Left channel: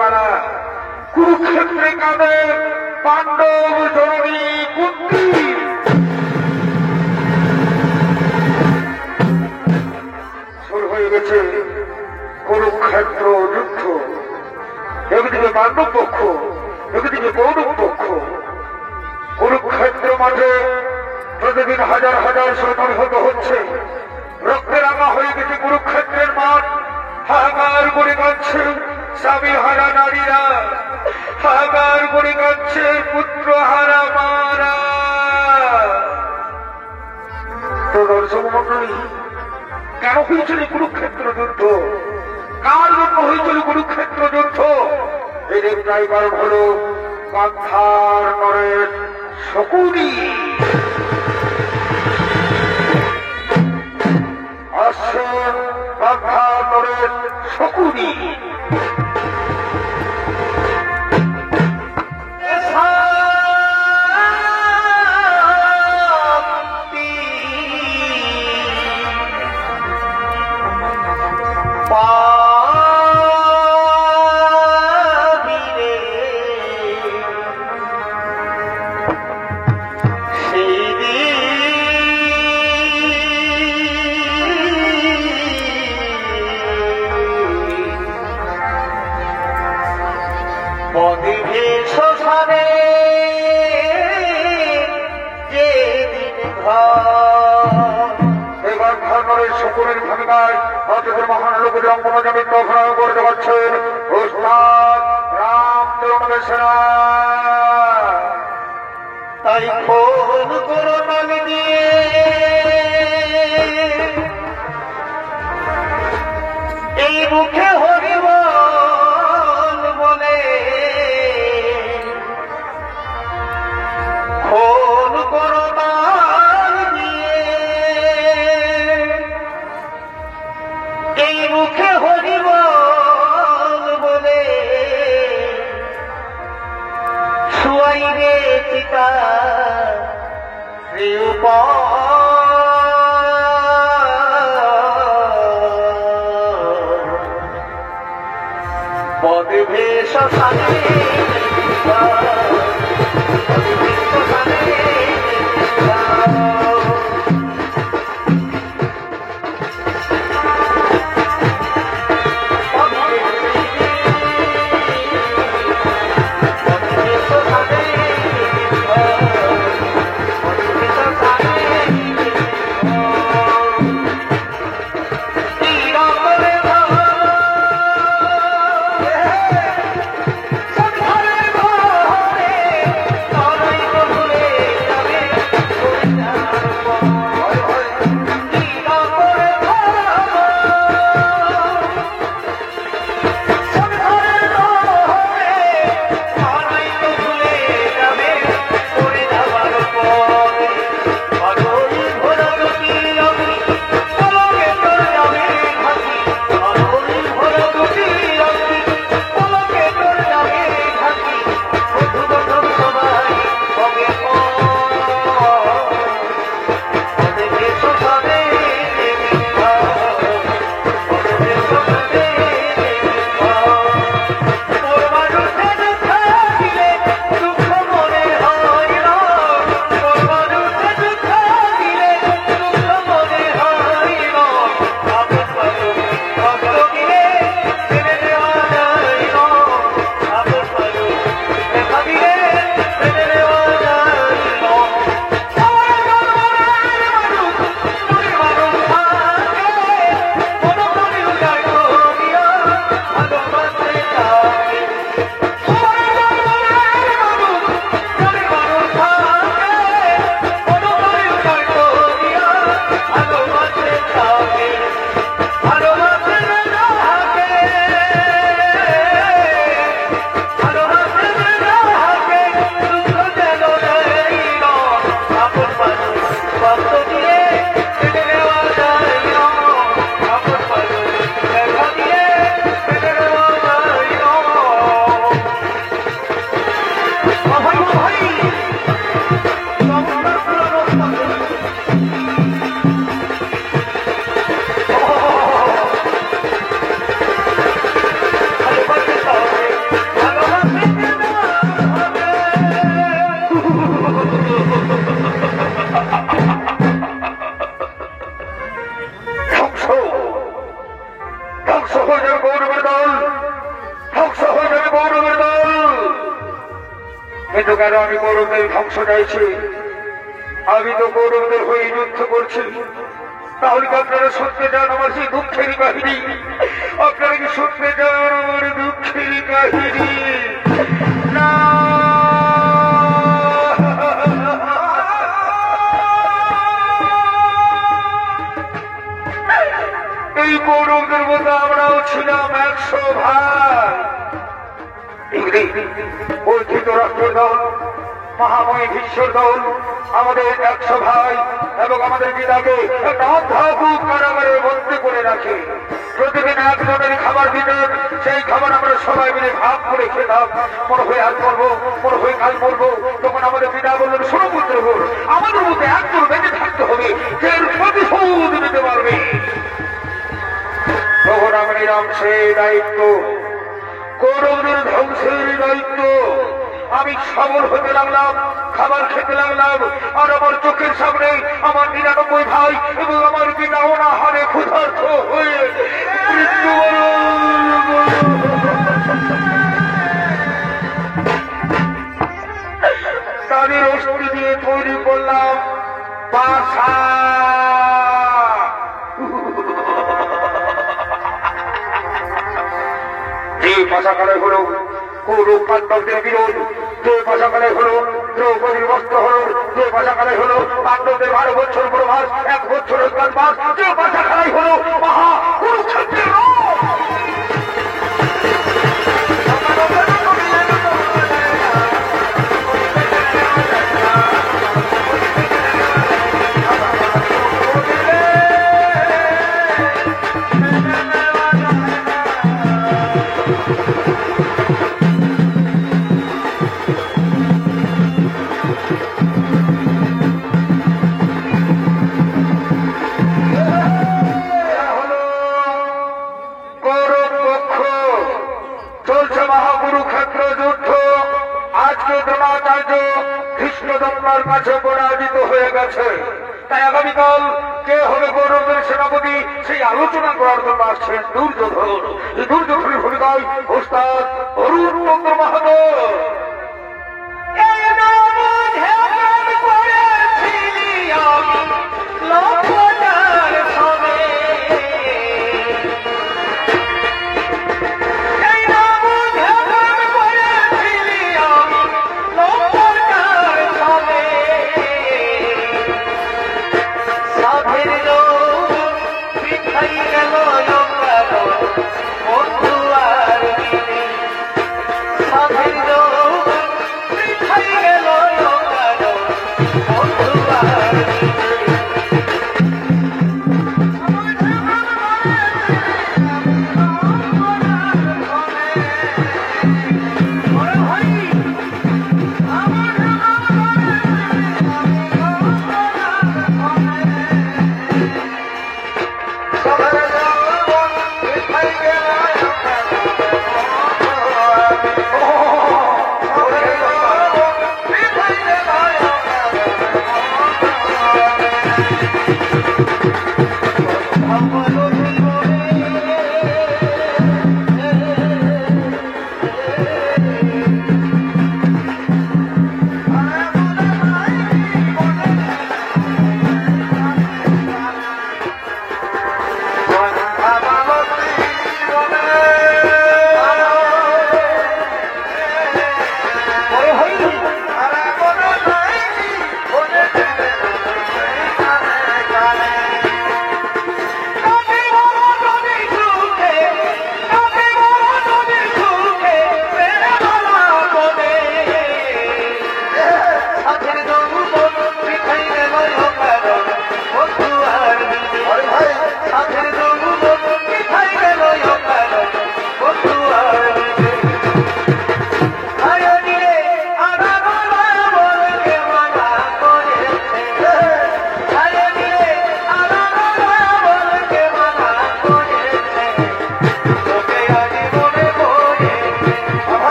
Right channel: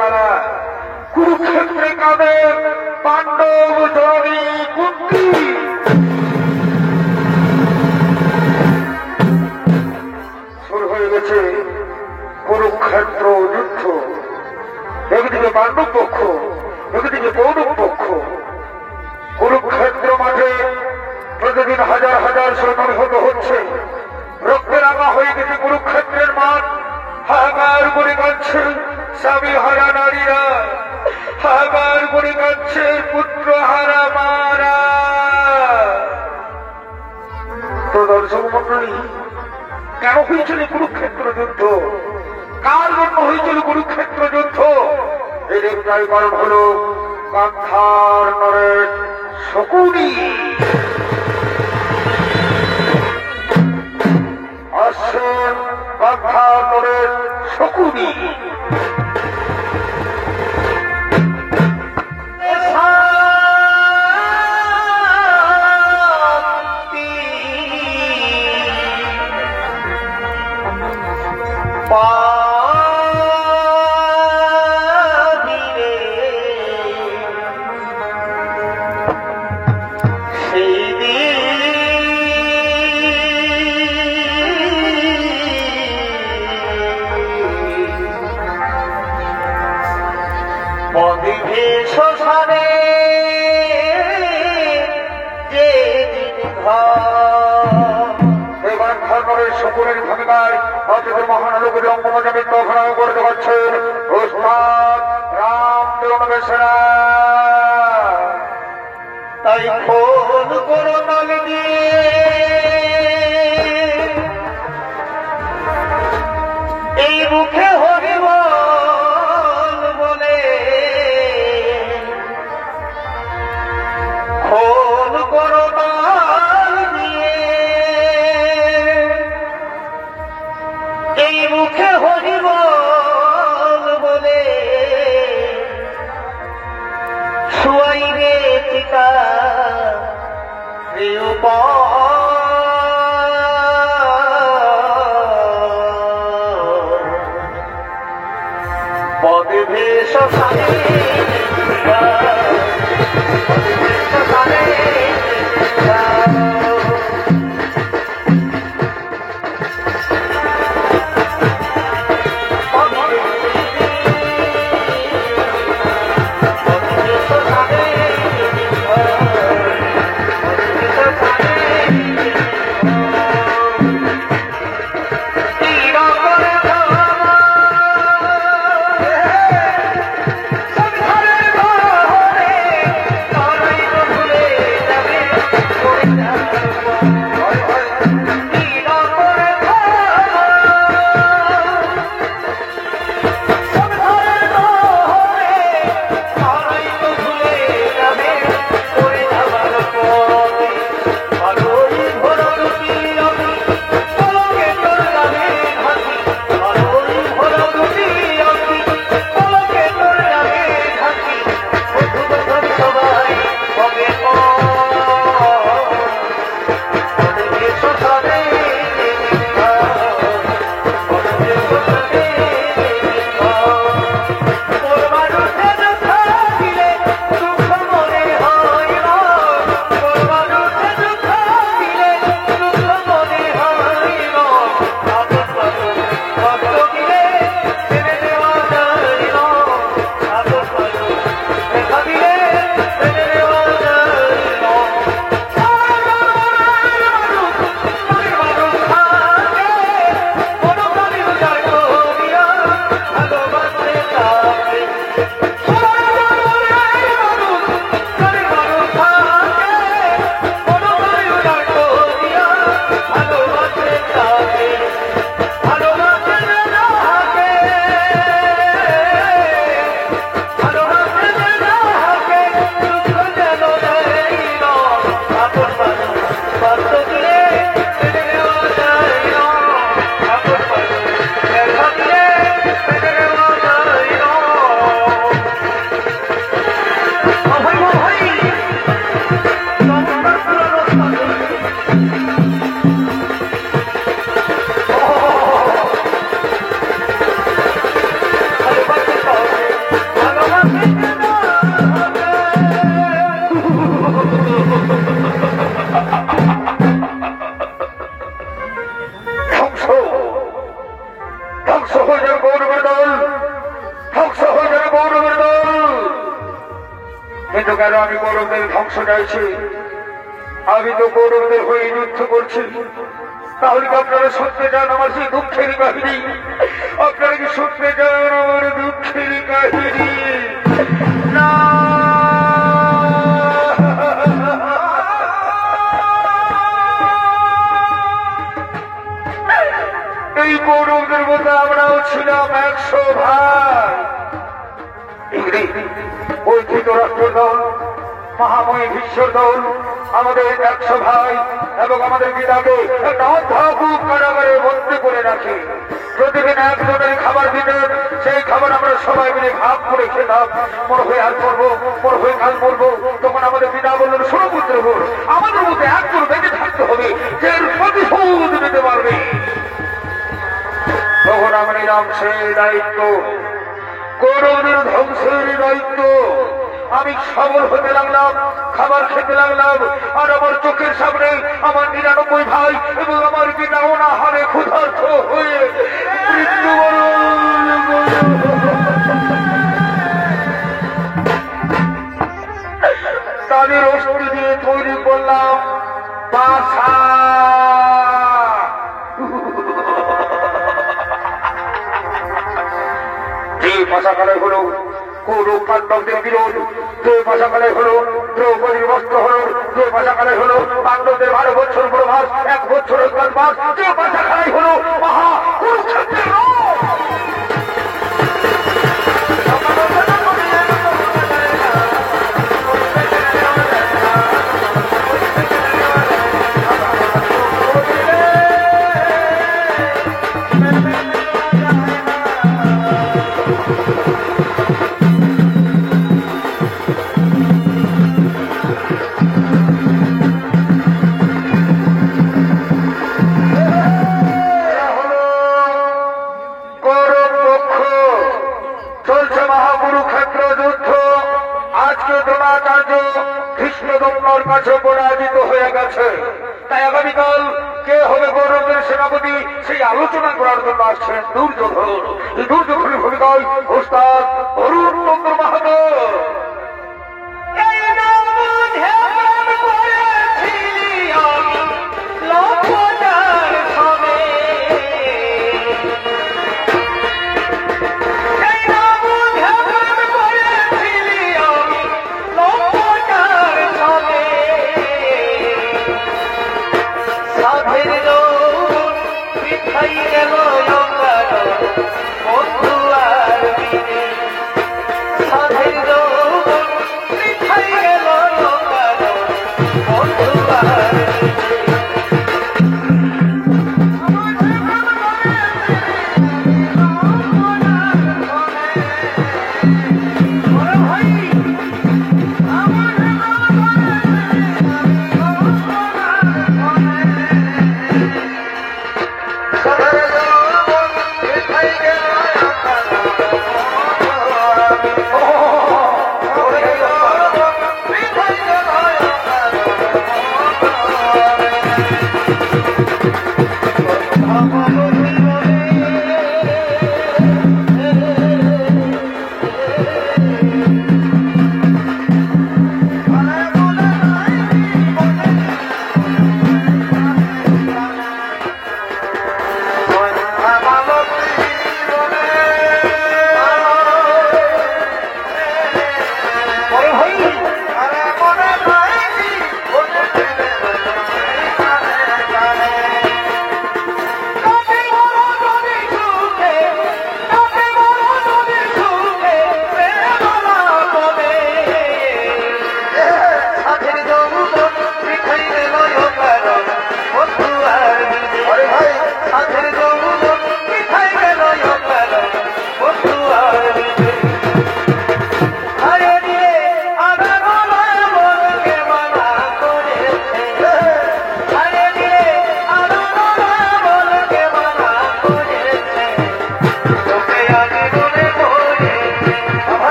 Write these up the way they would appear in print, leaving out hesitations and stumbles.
বেলা কুরুক্ষেত্রে কাঁদে পাণ্ডব জননী কুন্তি। শুরু হয়ে গেছে কুরুক্ষেত্র যুদ্ধ। একদিকে পাণ্ডব পক্ষ, একদিকে কৌরব পক্ষ। কুরুক্ষেত্র মাঠে প্রতিদিন হাজার হাজার সৈন্য নিহত হচ্ছে। রক্তে রাঙা হয়ে গেছে কুরুক্ষেত্রের মাঠ। হাহাকার করে কাঁদছে স্বামী হারা নারীরা, হাহাকার করে কাঁদছে পুত্র হারা মারা। তো দর্শক মন্ডলী, কেন হয়েছিল কুরুক্ষেত্র যুদ্ধ? কার জন্য হয়েছিল কুরুক্ষেত্র যুদ্ধ? এর একটাই কারণ হল গান্ধার নরেন শকুনি। আসছেন গান্ধার নরেন শকুনি। শ্মশানে যে শকুনের ভূমিকায় ভারতের মহানগরী অঙ্গমঞ্চে অভিনয় করে দেখাচ্ছেন ওস্তাদ রামদেব সেনা। তাই ফোন করো নলিনী, এই মুখে হরিব বলে ফোন করো এই মুখে হরিব বলে শুয়াইবে পিতা পদে ভেষ কিন্তু কেন আমি কৌরবদের ধ্বংস চাইছি? আমি তো কৌরবদের হয়ে যুদ্ধ করছি। তাহলে কি আপনারা শুনতে চান আমার সেই দুঃখেরই কাহিনী? আপনারা কি শুনতে চান আমার দুঃখেরই কাহিনী? না, এই কৌরবদের মধ্যে আমরাও ছিলাম 100 ভাই। ওই ধৃতরাষ্ট্রের দল, মহাময় ভীষ্মের দল আমাদের 100 ভাই এবং আমাদের পিতাকে একটা অধ্যাপক কারাগারে বন্দী করে রাখে। প্রতিদিন একজনের খাবার দিতেন, সেই খাবার আমরা সবাই মিলে ভাগ করে খেতাম। মনে হয়ে আজ করবো, মনে হয়ে কাল করবো। তখন আমাদের পিতা বললেন, শোনো পুত্র, আমাদের মধ্যে একজন বেঁচে থাকতে হবে, যে এর প্রতিশোধ নিতে পারবে। তখন আমরা নিলাম সেই দায়িত্ব, কৌরবদের ধ্বংসের দায়িত্ব। আমি সবল হতে লাগলাম, খাবার খেতে লাগলাম, আর আমার চোখের সামনে আমার 99 ভাই এবং আমার পিতা অনাহারে ক্ষুধার্ত হয়ে তাদের অস্থি দিয়ে তৈরি করলাম বাসা। যে পাশাকালে হল কৌরব পাণ্ডবদের বিরোধ, যে পাশাকালে হল দ্রৌপদীর বস্ত্র হল, যে পাশাকালে হল পাণ্ডবদের 12 বছর প্রভাস, 1 বছরের কালবাস, যে পাশাখানায় হল মহা কুরুক্ষেত্রের কাছে পরাজিত হয়ে গেছে। তাই আগামীকাল কে হবে কৌরবদের সেনাপতি সেই আলোচনা করার জন্য আসছেন দুর্যোধন। এই দুর্যোধনের ভূমিকায় ওস্তাদ অরুণ চন্দ্র মাহাতো। সাধের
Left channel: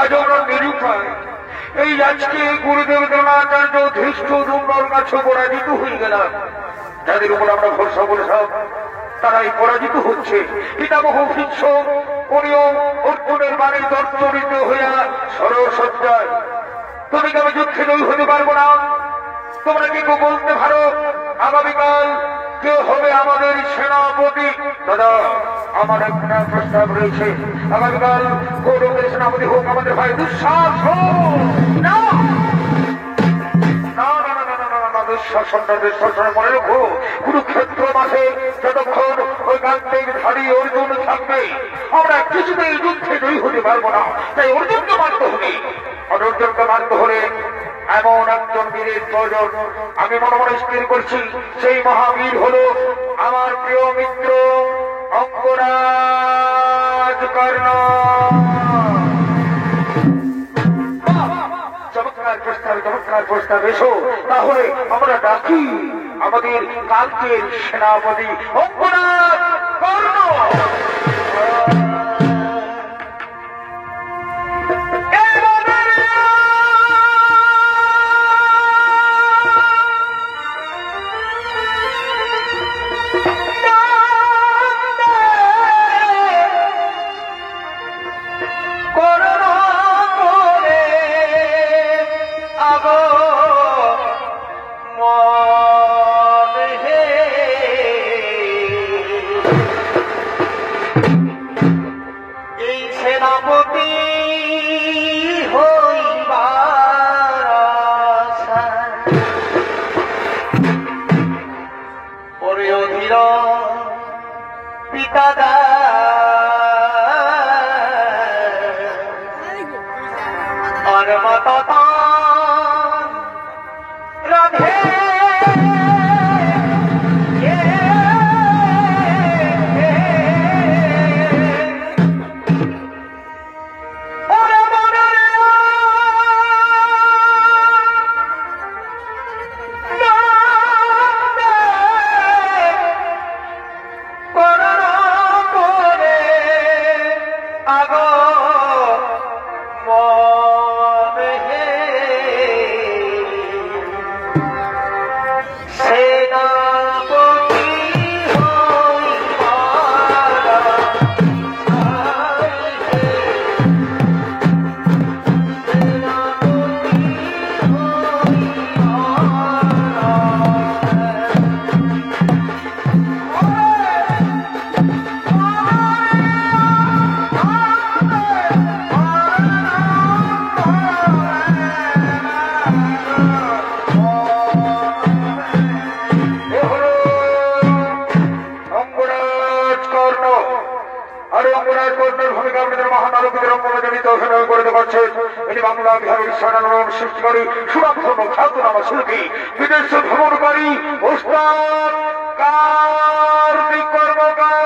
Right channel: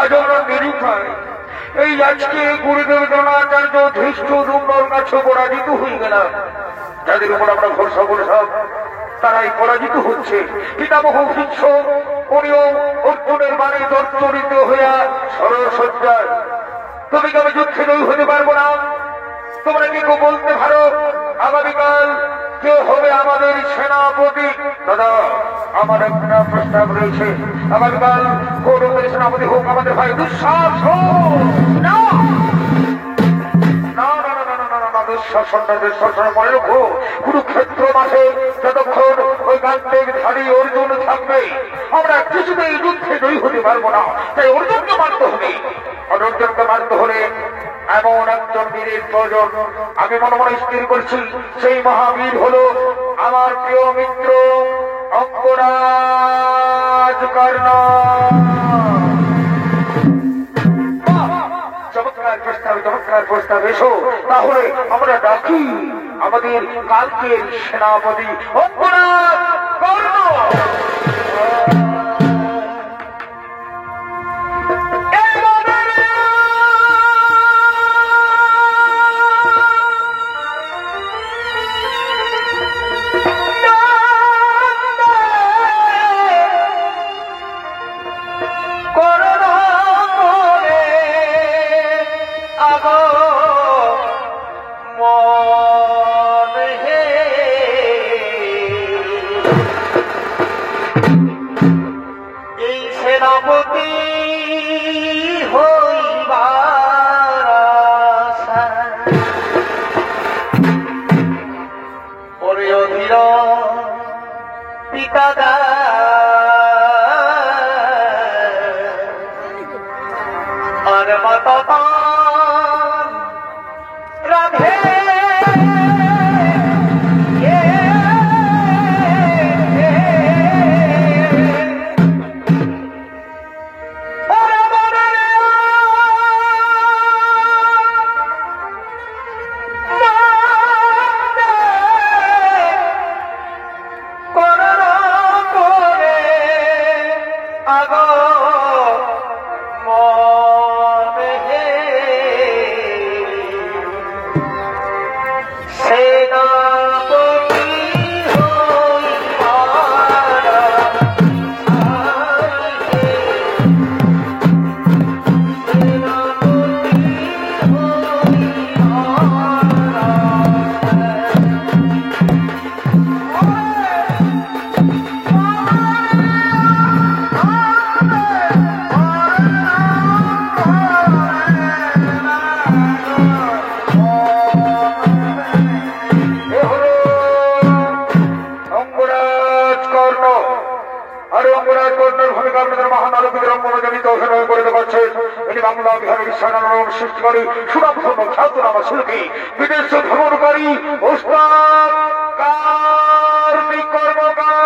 আজ আমরা নিরুপায় এই আজকে গুরুদেব দ্রোণাচার্য ধৃষ্ট দুম্বর কাছে পরাজিত হয়ে গেলাম। যাদের উপর আমরা ভরসা করেছিলাম তারাই পরাজিত হচ্ছে। পিতামহ ভীষ্ম উনিও অর্জুনের বাণী দর্শরিত হইয়া সরসজ্জায়। তুমি কি আমি যুদ্ধে জয়ী হতে পারবো না? তোমরা কি বলতে পারো আগামীকাল কে হবে আমাদের সেনাপতি? দাদা, আমার একটা প্রস্তাব রয়েছে। আগামীকাল কৌরবদের সেনাপতি হোক আমাদের ভাই দুঃশাসন। মনে রেখো, কুরুক্ষেত্র মাঠে যতক্ষণ ওই গান্ডের ধারী অর্জুন থাকবে আমরা কিছুতেই যুদ্ধে জয়ী হতে পারবো না। তাই অর্জুনকে মারতে হবে। অর্জুনকে মারতে হলে এমন একজন বীরের প্রয়োজন। আমি মনে মনে স্থির করছি সেই মহাবীর হল আমার প্রিয় মিত্র অঙ্গরাজ কর্ণ। চমৎকার প্রস্তাব। এসো তাহলে আমরা ডাকি আমাদের কালকের সেনাপতি অঙ্গরাজ কর্ণ। সৃষ্টিকারী সুরাধর্ম খ্যাতনামা শিল্পী বিদেশে ভ্রমণকারী ওস্তাদ কার্তিক কর্মকার।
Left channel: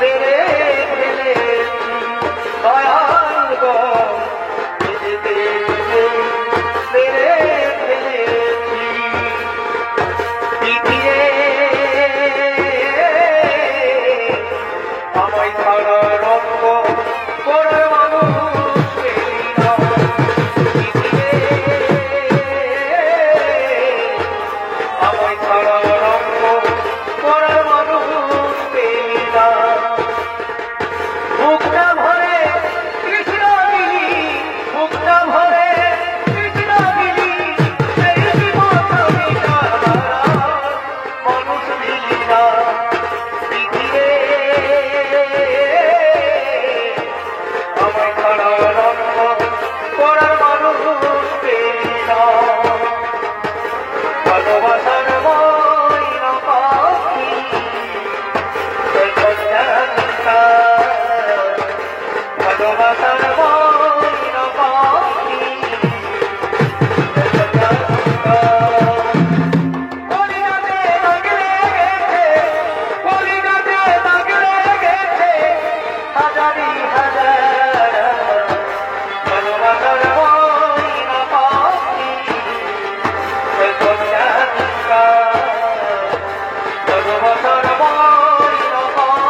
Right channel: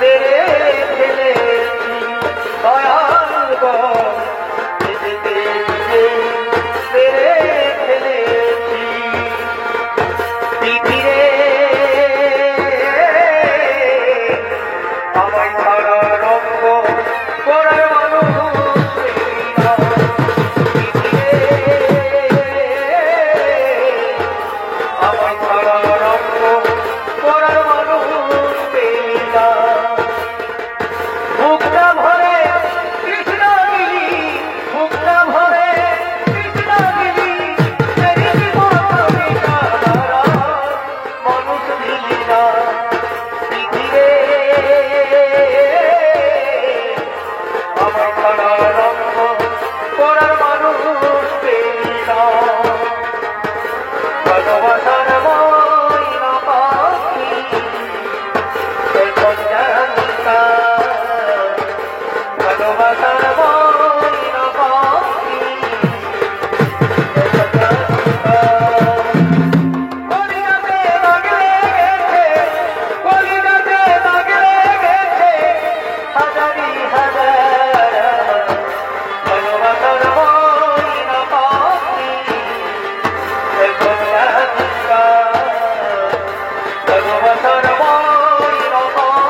তেরে ফেলে দয়াল গো তেরে ফেলেছি পৃথিবীরে আমায় ছাড়া রঙ্গ করার মানুষ আমায় ছাড়া রঙ্গ করার মানুষ বুকটা ভরে কৃষ্ণ দিলি বুকটা ভরে কৃষ্ণ দিলি সেই জীবনে মানুষ দিলি না পৃথিবীরে আমার ছাড়া রঙ্গ করার মানুষ পেলি না ভালোবাসার ময়না পাখি ভালোবাসার ময়না পাখি কলিয়াতে বাগলে গেছে কলিয়াতে বাগলে গেছে হাজারি হাজার ভালোবাসার ময়না পাখি ভালোবাসার ময়না পাখি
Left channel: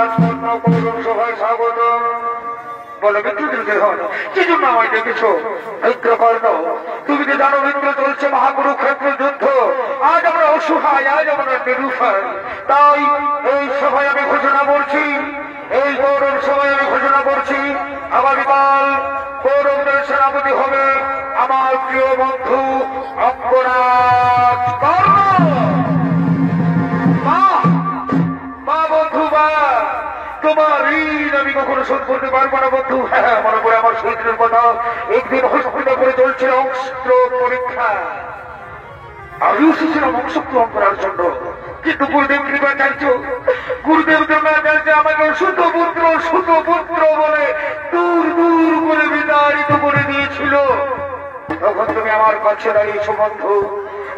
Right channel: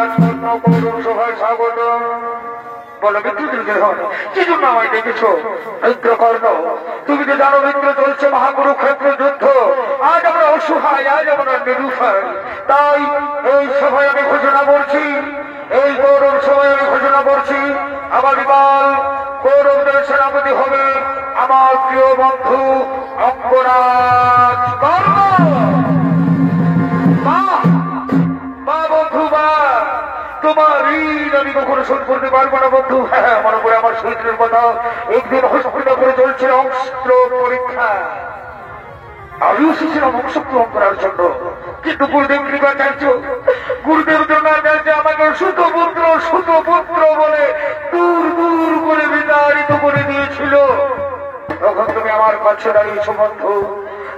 আজ পূর্ণ করুন সভায় স্বাগত। বলো বিদ্যুৎ হয় কি জন্য আমায় ডেকেছ? মিত্রকর্ণ, তুমি যে জানো মিত্র চলছে মহাকুরুক্ষেত্র যুদ্ধ। আজ আমরা অসহায়, আজ আমরা নিরুপায়। তাই এই সভায় আমি ঘোষণা করছি, এই গৌরব সভায় আমি ঘোষণা করছি, আগামীকাল কৌরবদের সেনাপতি হবে আমার প্রিয় বন্ধু অঙ্গরাজ কর্ণ। বন্ধু বা তোমার ঋণ আমি কখনো শোধ করতে পারবো না বন্ধু। হ্যাঁ, মনে করে আমার শরীরের কথা। একদিন হস্তটা করে চলছিল অস্ত্র পরীক্ষা, আমি এসেছিলাম অংশগ্রহণ করার জন্য, কিন্তু গুরুদেব কৃপা চাইছো, গুরুদেব কৃপা চাইছে আমাকে সুত পুত্র বলে দূর দূর করে বিতাড়িত করে দিয়েছিল। তখন তুমি আমার কাছে দাঁড়িয়েছো বন্ধু,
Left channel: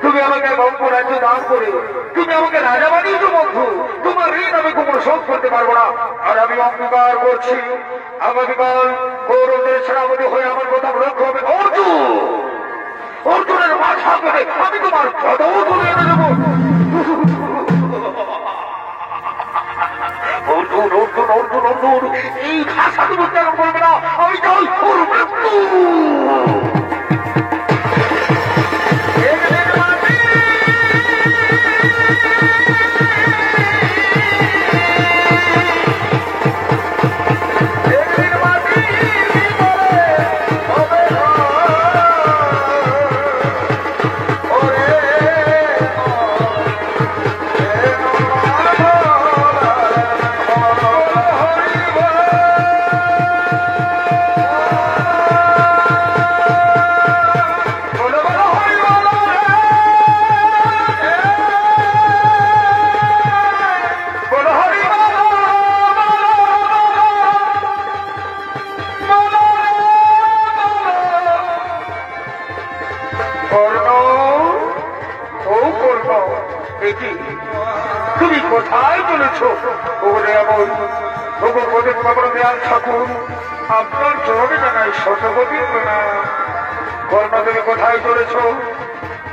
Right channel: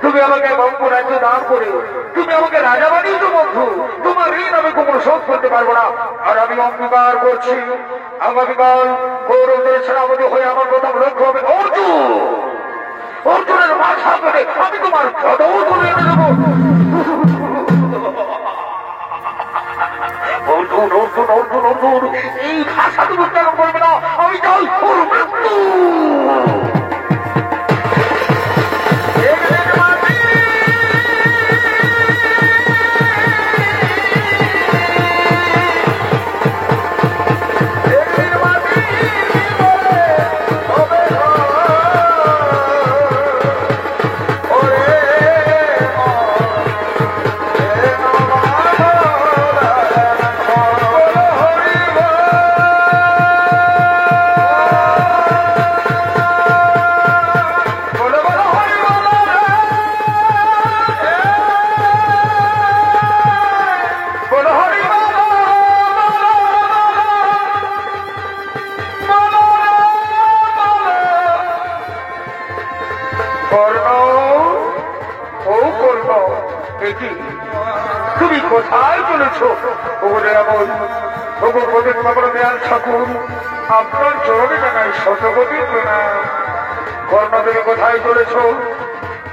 তুমি আমাকে অঙ্গরাজ্য দান করে তুমি আমাকে রাজা বানিয়েছো বন্ধু। তোমার ঋণ আমি কখনো শোধ করতে পারবো না। আর আমি অঙ্গীকার করছি, আগামীকাল কৌরবদের সেনাপতি হয়ে আমার প্রথম লক্ষ্য হবে অর্জুনের মাথা কেটে আমি তোমার পদও তুলে এনে দেবো। অর্জুন, এই ভাষা তুমি উচ্চারণ করবে না। আমি চাই ওর মৃত্যু। তুমি কোথায় চলেছ? দেয়াল ঠাকুর, আপনার চোখ জানাই শতপতি প্রণাম। কর্ণ, তুমি কোথায় চলেছ?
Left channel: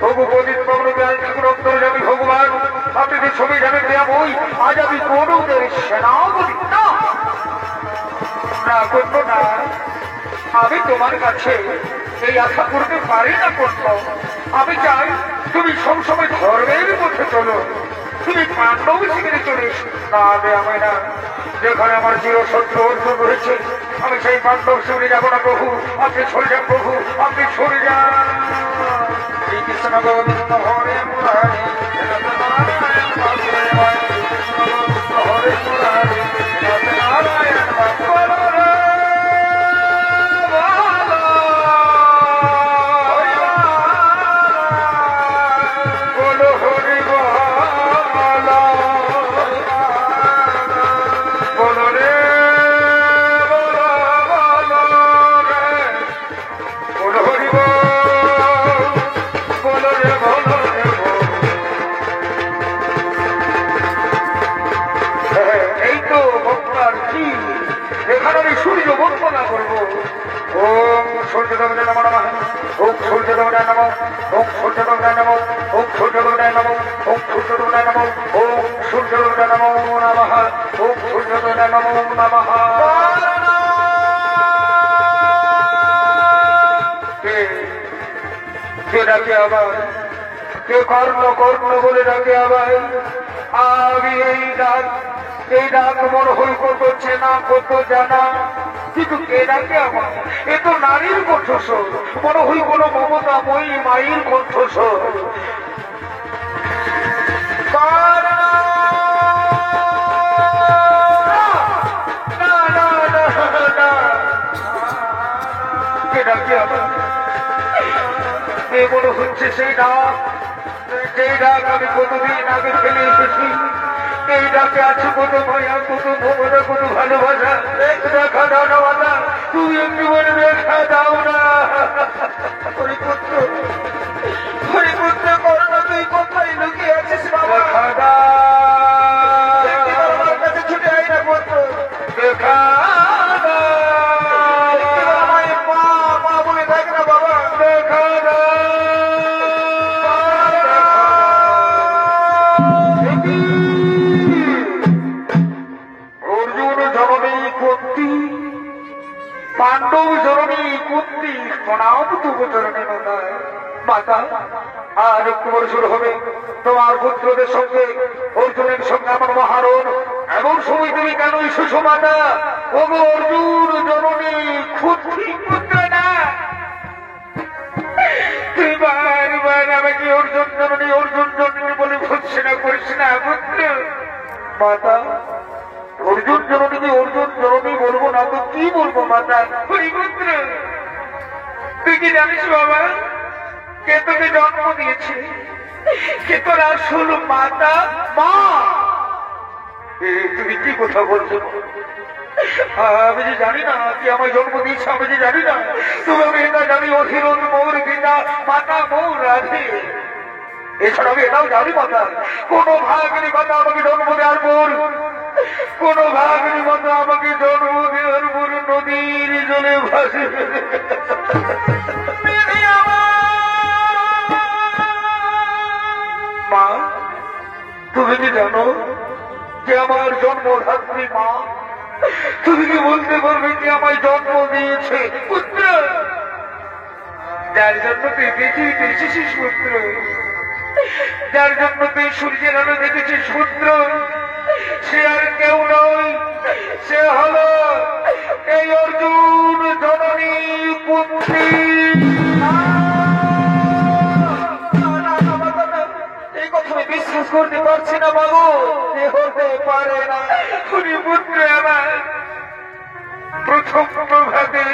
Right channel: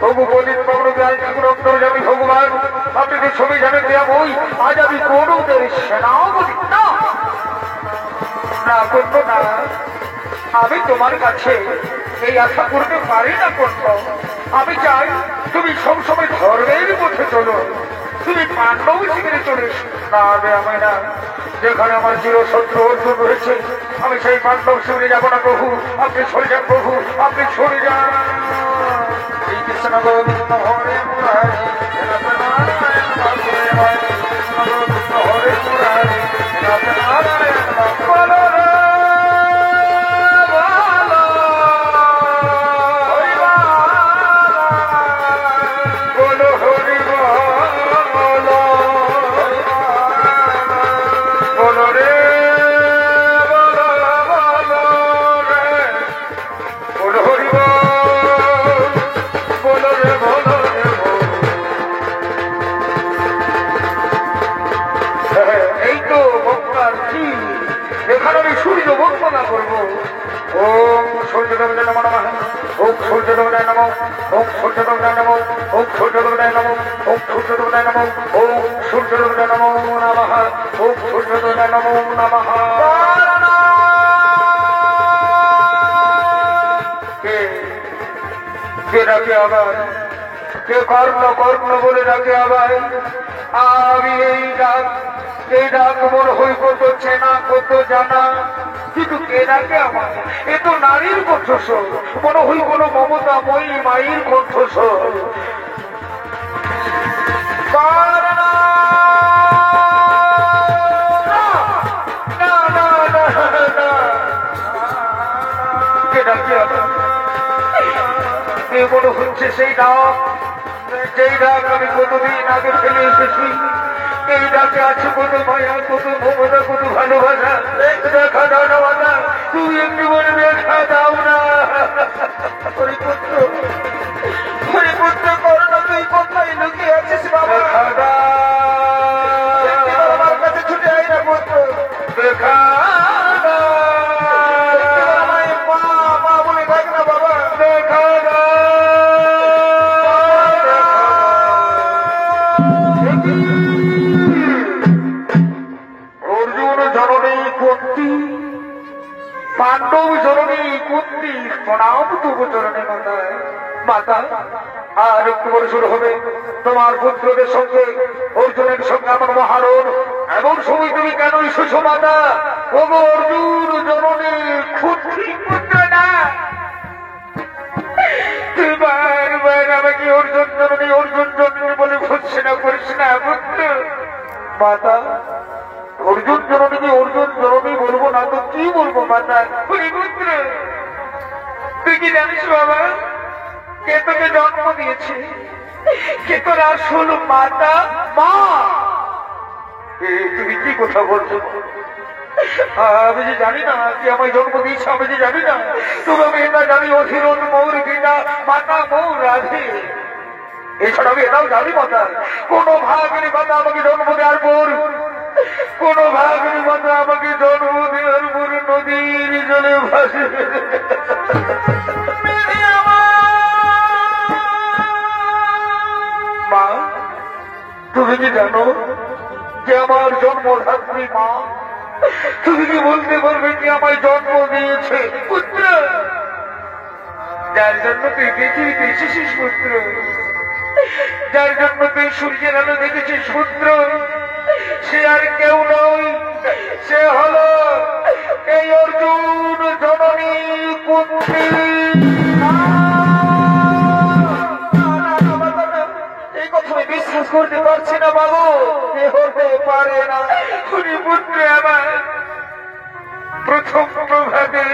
তবু প্রদীপ বাবু দেয়াল ঠাকুর অন্তর্যামী ভগবান, আপনি যে ছবি জানেন দেয়া বই, আজ আমি কৌরবদের সেনাপতি না করবো না। আমি তোমার কাছে এই আশা করতে পারি না করব। আমি চাই তুমি সবসময় ধর্মের পথে চলো, তুমি পাণ্ডব শিখে চলে না আমি না। যেখানে আমার চিরশত্রু অর্জুন রয়েছে, আমি সেই পাণ্ডব চলে যাবো না প্রভু। আপনি চলে যান প্রভু, আপনি চলে যান। শ্রীকৃষ্ণ গোবিন্দ হরে মুরারি, হরে মুরারি, নারায়ণ বলো এখানে আমি সূর্য বন্দনা করবো। ওম সূর্যদেবতায় নমঃ, ওম সূর্যদেবতায় নমঃ, ওম সূর্যদেবতায় নমঃ, ওম সূর্যদেবতায় নমঃ, ওম সূর্যদেবতায় নমঃ, ওম সূর্যদেবতায় নমো নমঃ, ওম সূর্যদেবতায় নমো নমঃ। কে ডাকে আবার? কে কর্ণ কর্ণ বলে ডাকে আবার? আমি এই ডাক মনে হই করছে না, কত জানা শুধু কে ডাকে আমার? এ তো নারীর কণ্ঠস্বর, মনে হই কোন মমতাময়ী মায়ের কণ্ঠস্বর। কে ডাকে আমার? মনে হচ্ছে সেই ডাক, যেই ডাক আমি কতদিন আগে ফেলে এসেছি। এই ডাকে আছে কত মায়া, কত মমতা, কত ভালোবাসা। দেখা দাও না বাবা, তুই একটু বলে দেখা দাও না। হরিপুত্র করো না, তুই কোথায় লুকিয়ে আছিস বাবা? দেখা দাও, আমার কাছে ছুটে আই না পুত্র, দেখা বলে দেখ না বাবা, দেখা কুন্তি, পাণ্ডব জননী কুন্তি, প্রণাম তবু জননী মাতায়। মাতা, আর একটু বড় শুরু হবে তোমার পুত্রদের সঙ্গে, অর্জুনের সঙ্গে আমার মহারণ। এমন সময় তুমি কেন এসেছো মাতা? ওগো অর্জুন জননী কুন্তি পুত্র না, তুই বারবার আমাকে অর্জুন জননী বলে ভৎসনা করিস না পুত্র। মাতা, অর্জুন জননী বলবো না তো কি বলবো মাতা? পুত্র, তুই কি জানিস বাবা, কে তোকে জন্ম দিয়েছে? কে তোর আসল মাতা? মা। তুমি কি কথা বলছো? আমি যে জানি না কে আমায় জন্ম দিয়েছে, আমি যে জানি না। তবে আমি এটা জানি, অধীরণ মৌর গীতা মাতা মৌ রাধে। এছাড়া আমি এটাও জানি মাতা, কোন ভাগিনী মাতা আমাকে জন্ম দেওয়ার পর, কোন ভাগিনী মাতা আমাকে জন্ম দেওয়ার পর নদীর জলে ভাসে। মা, তুমি কি জানো যে আমার জন্মধাত্রী মা? তুমি কি বলতে পারবে কে আমায় জন্ম দিয়েছে? পুত্র, যার জন্য তুই পৃথিবীতে এসেছিস পুত্র, যার জন্য তুই সূর্যের আলো দেখেছিস পুত্র, সে আর কেউ নয়, সে হল এই অর্জুন জননী কুন্তি। এই কথা আমি বিশ্বাস করতে পারছি না বাবু, এ হতে পারে না। শুনি পুত্র, আমার প্রথম প্রভাতে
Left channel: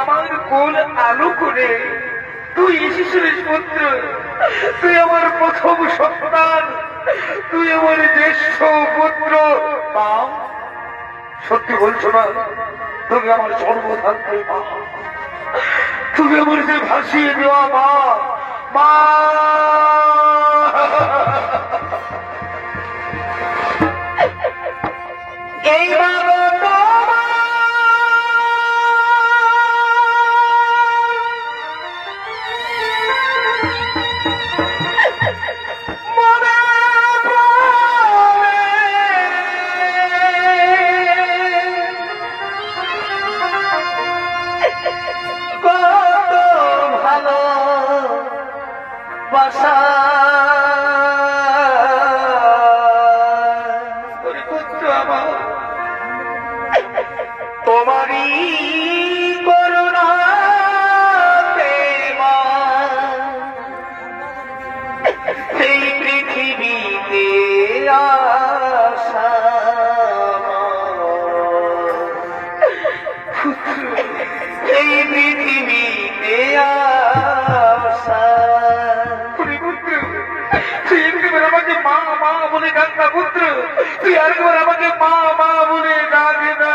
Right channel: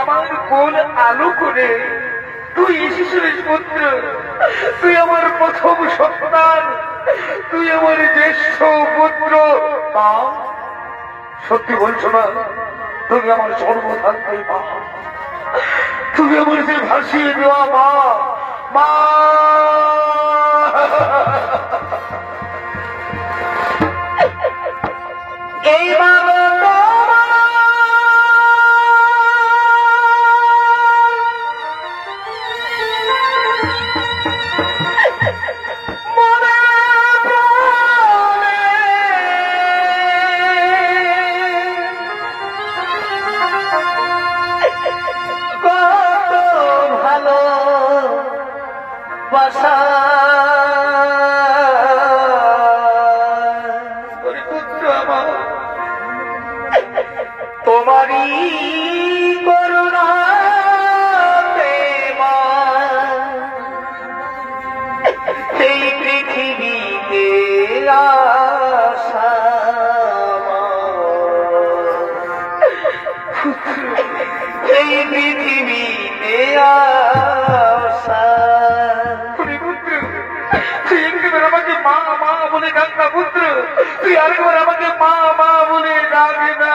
আমার কোল আলো করে তুই এসেছিলিস পুত্র। তুই আমার প্রথম সন্তান, তুই আমার জ্যেষ্ঠ পুত্র। মা, সত্যি বলছো না? তুমি আমার জন্মধাত্রী মা, তুমি আমার যে ভাসিয়ে দেওয়া মা। মা, এই বাবা তোমারই করুণা প্রেমা এই পৃথিবীতে আসা, এই পৃথিবীতে আসা। তুই একবার আমাকে মা মা বলে ডাক না পুত্র, তুই আরেকবার আমাকে মা মা বলে ডাক না।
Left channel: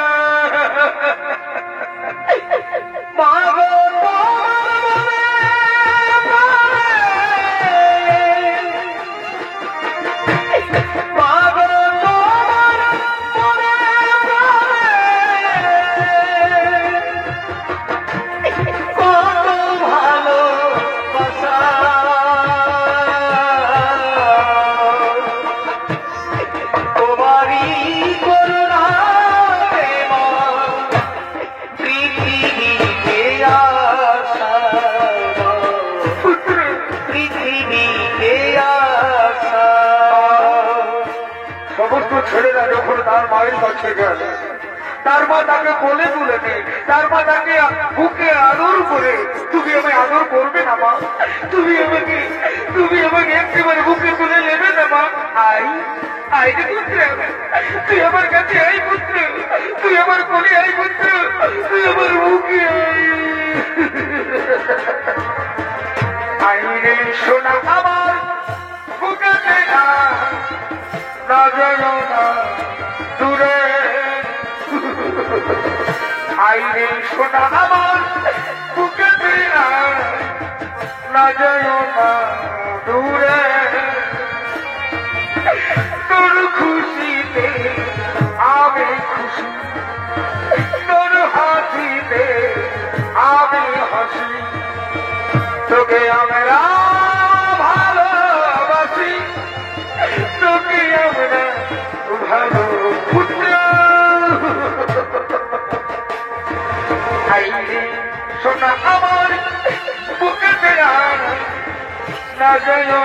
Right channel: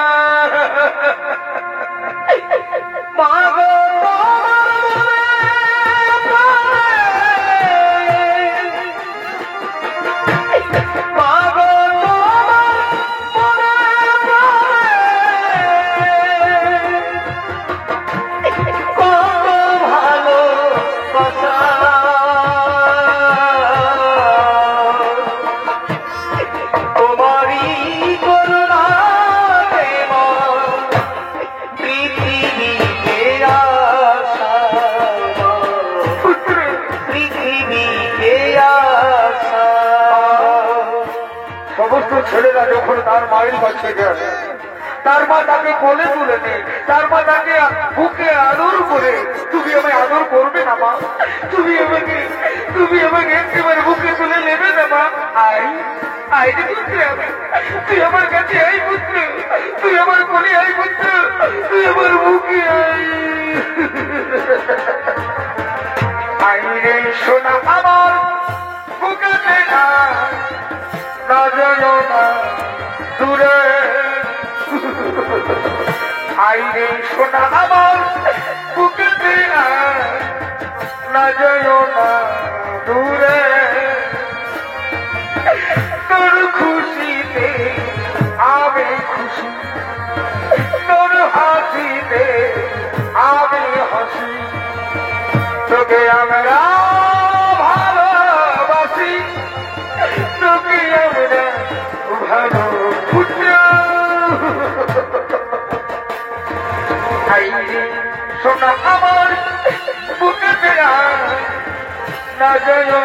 সমস্ত ছেলেরা যখন তার মায়ের কাছে যায়, তার মা তাকে কোলে তুলে নেয়, তার মা তাকে বুকে আদর করে। তুমি আমায় আদর করবে না মা? তুমি আমাকে একেবারে বুকে তুলে নেবে না মা? আই যে পুত্র, তুই আমার কাছে আই পুত্র, তুই আমার কোলে আই পুত্র, তুই আমার বুকে আই। আইরে শোনা আমার বুকে না যায় না দূরে, আইরে শোনা আমার বুকে না যায় না দূরে। তোর খুশিতে আমি খুশি, তোর হাসিতে আমি হাসি, তোকে আমরা ভালোবাসি, তোকে আমরা ভালো পুত্র। সোনা আমার বুকে ফেরা না যায় না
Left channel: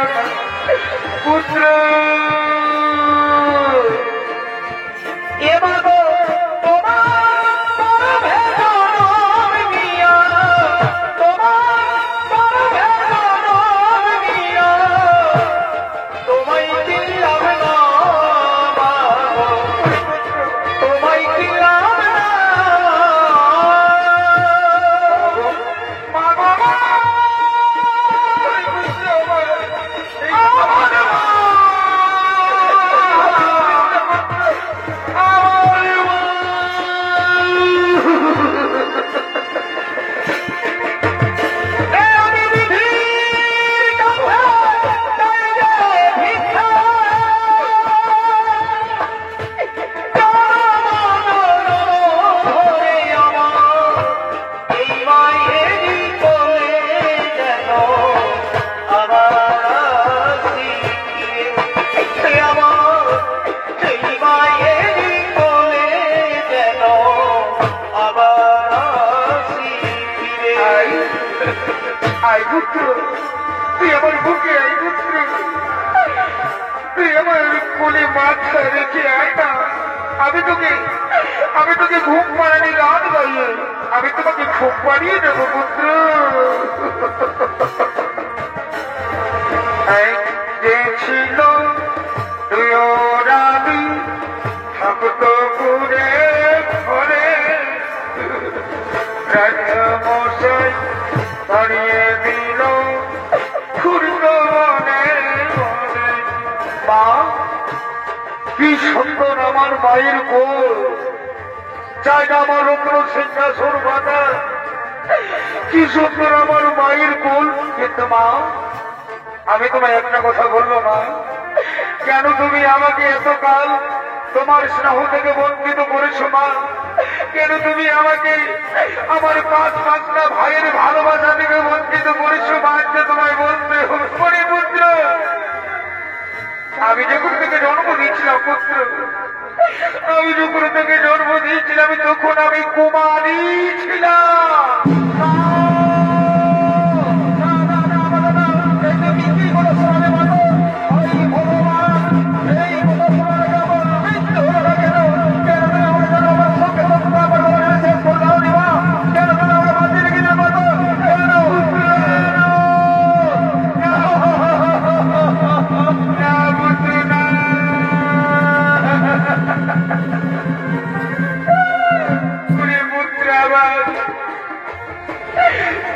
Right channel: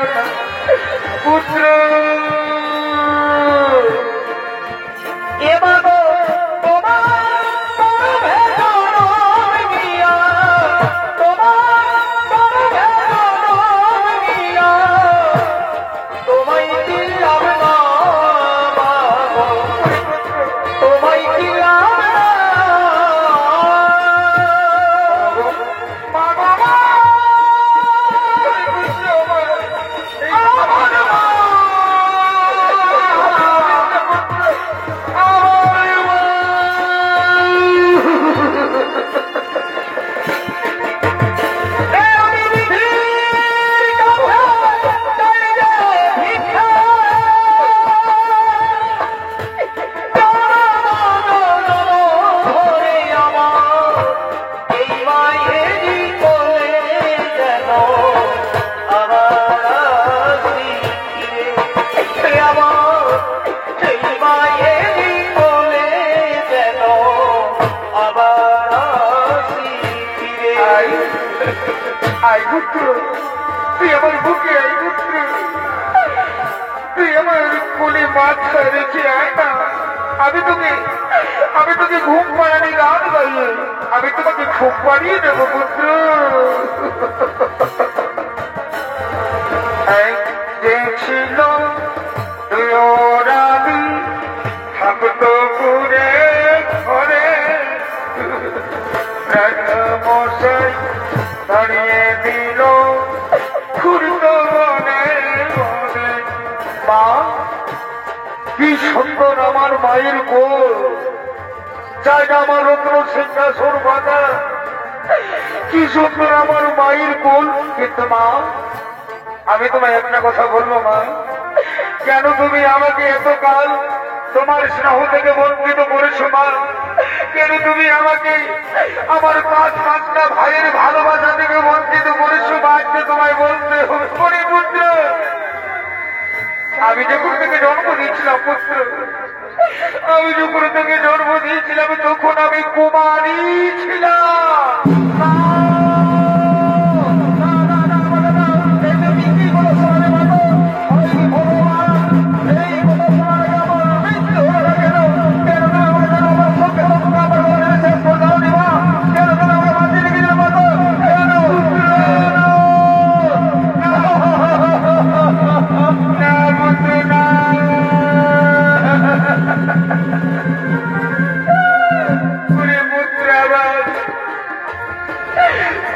পুত্র এবার তোমার তুই আমার বুকে আই পুত্র তুই আমার কোলে মাথা রেখে আয় না আমি তোকে ঘুম পাড়ানি গান গাইয়ে আমি তোমাকে ঘুম পাড়িয়ে দেবো পুত্র যে ছিল তুই ওর আমি থাকতো পুরে ঘরে মশাই দাঁড়িয়ে দিল খুঁড়তো মনে মনে মা কি সুন্দর আমার মায়ের কোল চাই না আমার রত্ন সিংহাসন বাঁধা কি সুন্দর আমার মায়ের কোল কিন্তু মা আমি তোমায় একটা কথা বলবো মা কেন তুমি আমাকে এতকাল তোমার স্নেহ থেকে বঞ্চিত করেছো মা কেন তুমি আমাকে আমার পাঁচটা ভাইয়ের ভালোবাসা থেকে বঞ্চিত করেছো মা তোমায় বলতে হবে পুত্র আমি যখন থেকে জন্ম দিয়েছিলাম পুত্র আমি যখন থেকে জন্ম দিয়েছিলাম তখন আমি কুমারী ছিলাম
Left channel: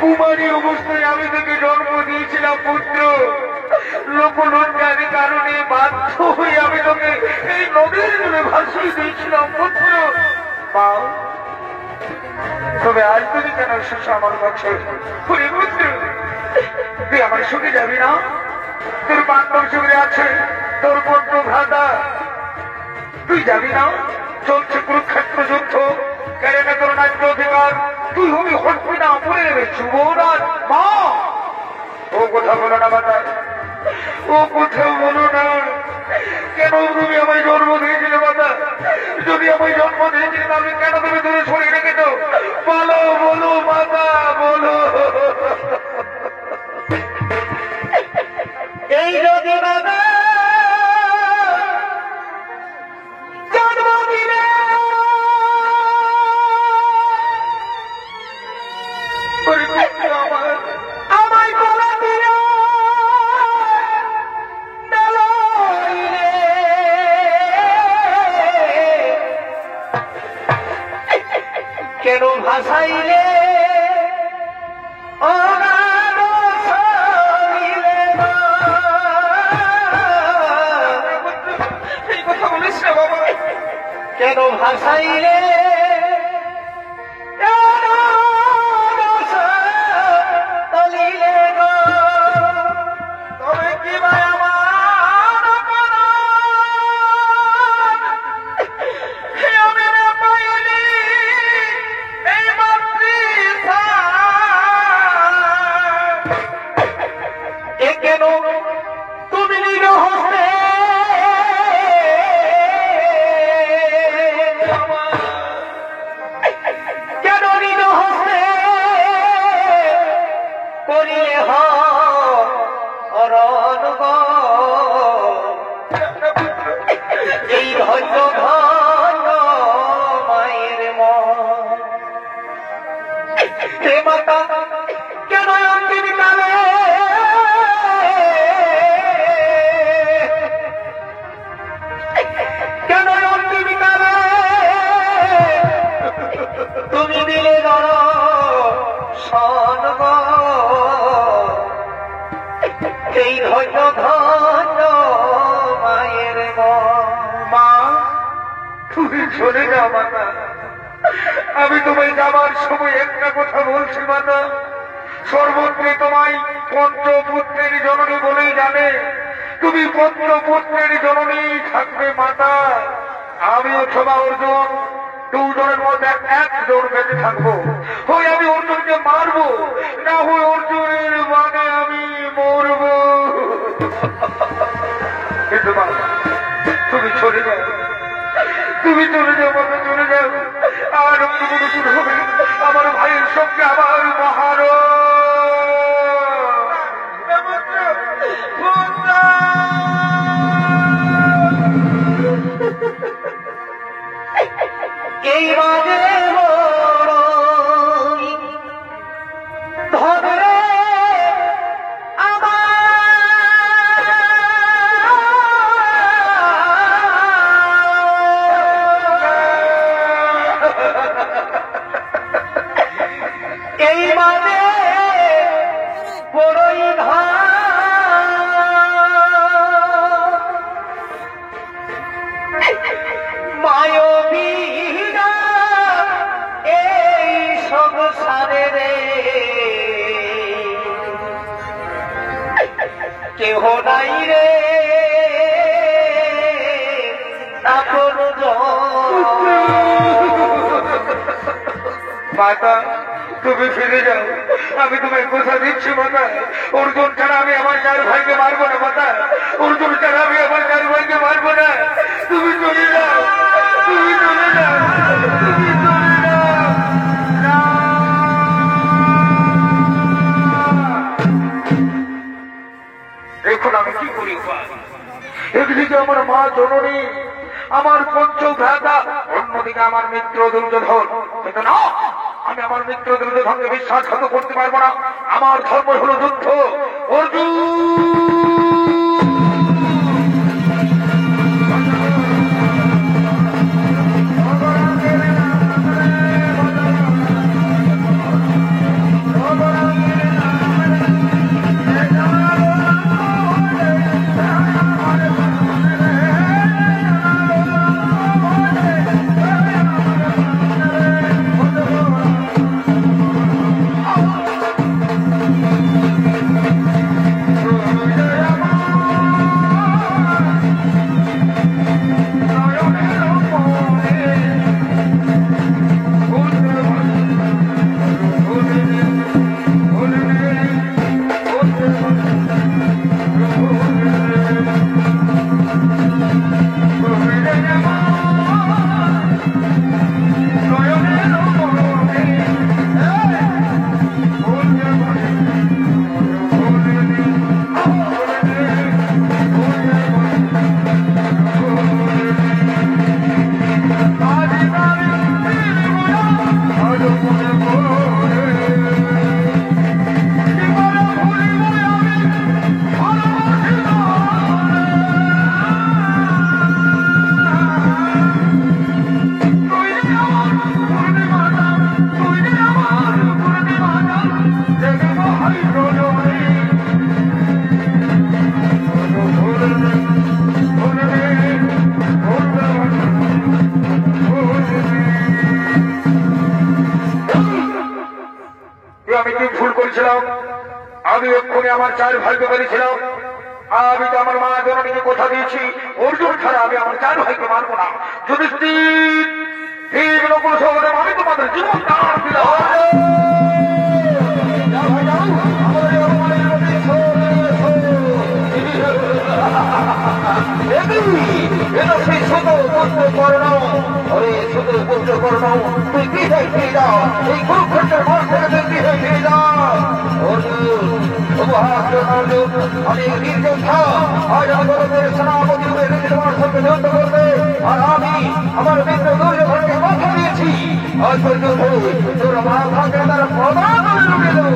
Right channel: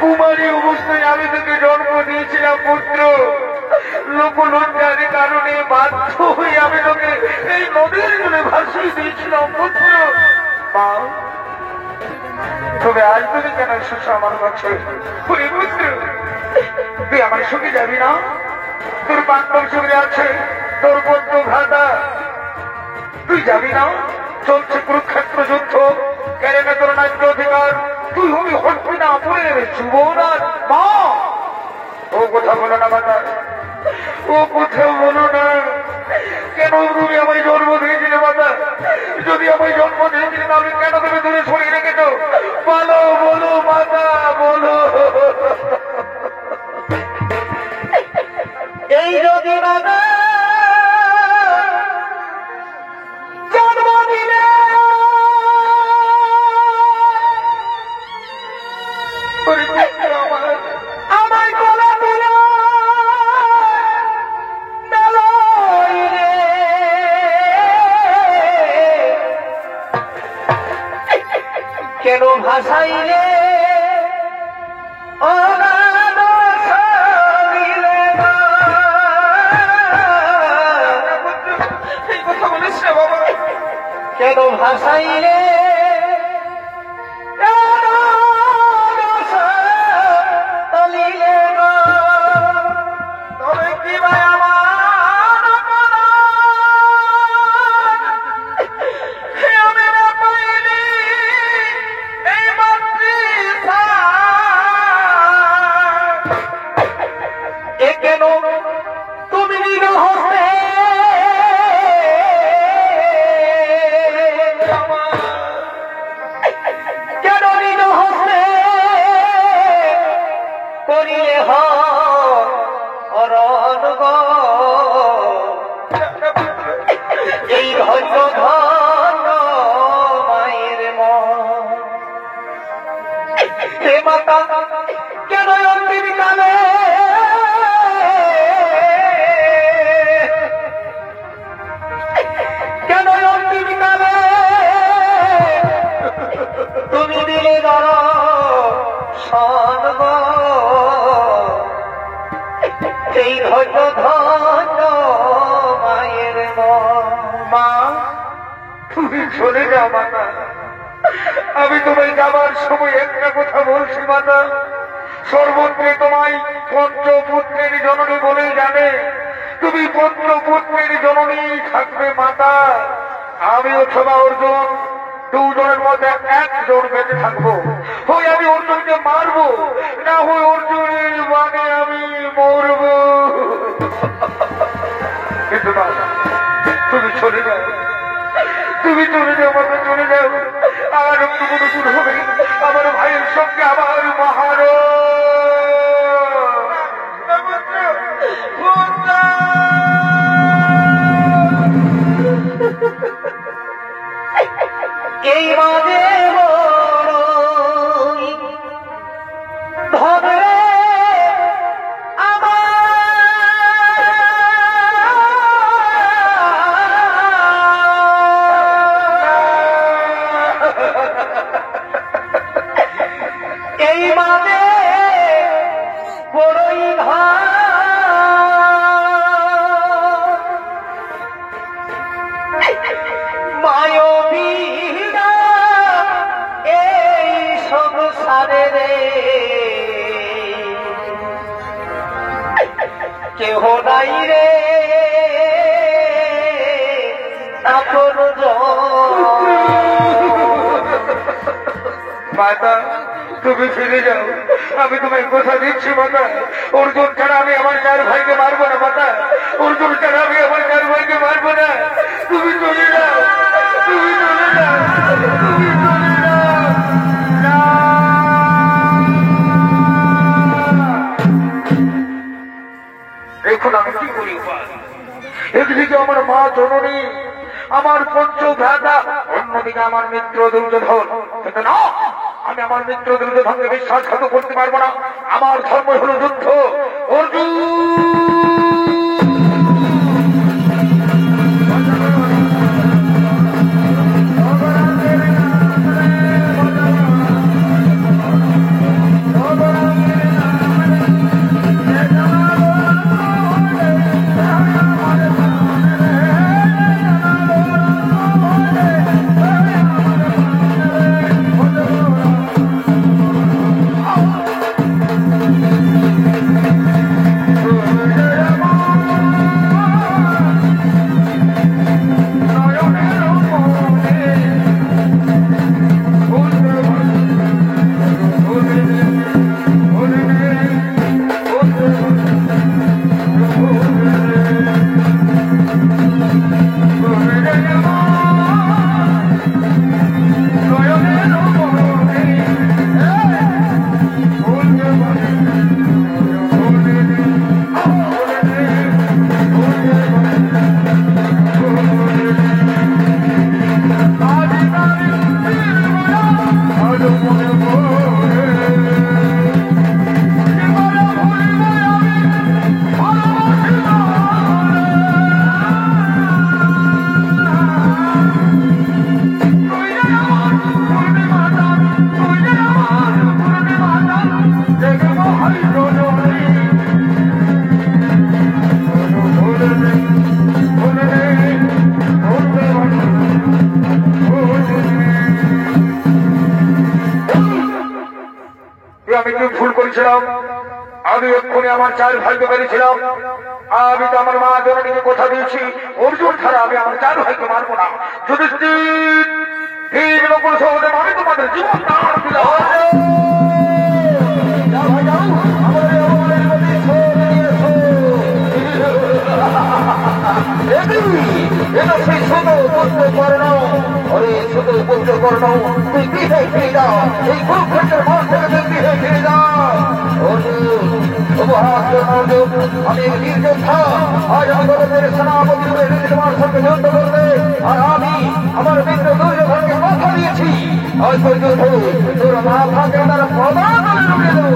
কুমারী অবস্থায় আমি থেকে জন্ম দিয়েছিলাম পুত্র লোকলজ্জার কারণে বাধ্য হয়ে আমি তোকে এই নদীর জন্য ভাসিয়ে দিয়েছিলাম পুত্র মা তবে আজ তুমি কেন এসেছ আমার কাছে পুত্র তুই আমার সঙ্গে যাবি না তোর বান্ধব সঙ্গে আছে তোর বন্ধু ভ্রাতা তুই যাবি না চলছে কুরুক্ষেত্র যুদ্ধ কেড়ে তোর ন্যায্য অধিকার তুই হবি হটবি না বলে যুবরাজ মা ও কথা বলো না মাতা ও কথা বলো না কেন তুমি আমার জন্ম দিয়েছিলে মাতা যদি আমি জন্ম দিয়েছিলে তাহলে কেন তুমি দূরে সরিয়ে রেখেছ বলো বলো মাতা বলো এই যদি বাবা জন্ম দিলে আমায় বলা দিলে কেন ভাসাইলে ওরা এই কথা বলিস না বাবা কেন ভাসাইলে কেন তুমি নিরহস্তে কেন নিরহস্তে ধন্য ধন্য মায়ের মা। তুমি চলে যাও মাতা, আমি তোমায় যাবার সময় একটা কথা বলছি মাতা, সর্বত্রে তোমায় পঞ্চপুত্রের জননী বলেই জানে, তুমি পঞ্চপুত্রের জননী থাকবে মাতা। আমি অথবা অর্জুন দুজনের মধ্যে একজন বেঁচে থাকবো, হয় আমি অর্জুনকে মারবো, না হয় অর্জুনের মানে আমি মরবো। কিন্তু মা, তুমি চলে যাও, তুমি চলে যাও মাতা, চলে যাও। আর নতুন হবে আমার ভাইয়ের সঙ্গে আমার মহার এই মাঝে ধরে এই মাঝে বড়ই মায়বীরা এই সংসারে রে কেহ নাই রে এখন মাতা, তুমি ফিরে যাও, আমি তোমায় কথা দিচ্ছি মাতা, অর্জুন ছাড়া আমি আমার চার ভাইকে মারবো না মাতা, অর্জুন ছাড়া আমি আমার চার ভাইকে মারবো না। তুমি চলে যাও, তুমি চলে যাও, তুমি চলে যাও। এখন আমি কি করি? একদিকে আমার মা জননী, আমার পঞ্চভ্রাতা, অন্যদিকে আমার মিত্র দুর্যোধন। কিন্তু না, আমি আমার মিত্র দুর্যোধনকে বিশ্বাসঘাত করতে পারবো না। আমার ধর্ম হল যুদ্ধ। অর্জুন আমি কি ভুল করেছিলাম? আমি এক্ষুনি আমার চার ভাইকে মেরেছিলাম। আমি তো আমার মা জননীকে কথা দিয়েছি, অর্জুন ছাড়া আমি আমার চার ভাইকে মারবো না। যদি ঠিক নকুল সহদেব, আমি তোমাদের জীবন দান দিলাম। তুই কি হয়ে ফিরে যাও, এই কুরুক্ষেত্রের মাঠ থেকে কি হয়ে ফিরে যাও। আমি বীর যোদ্ধা, আজ আমাদের সেনাপতি তোমার সঙ্গে যুদ্ধ করবে, আর আমি আমার মিত্র দুর্যোধনকে কথা দিয়েছি। আজ পর্যন্ত তোর মাথাকে তারা প্রদান করে দেব।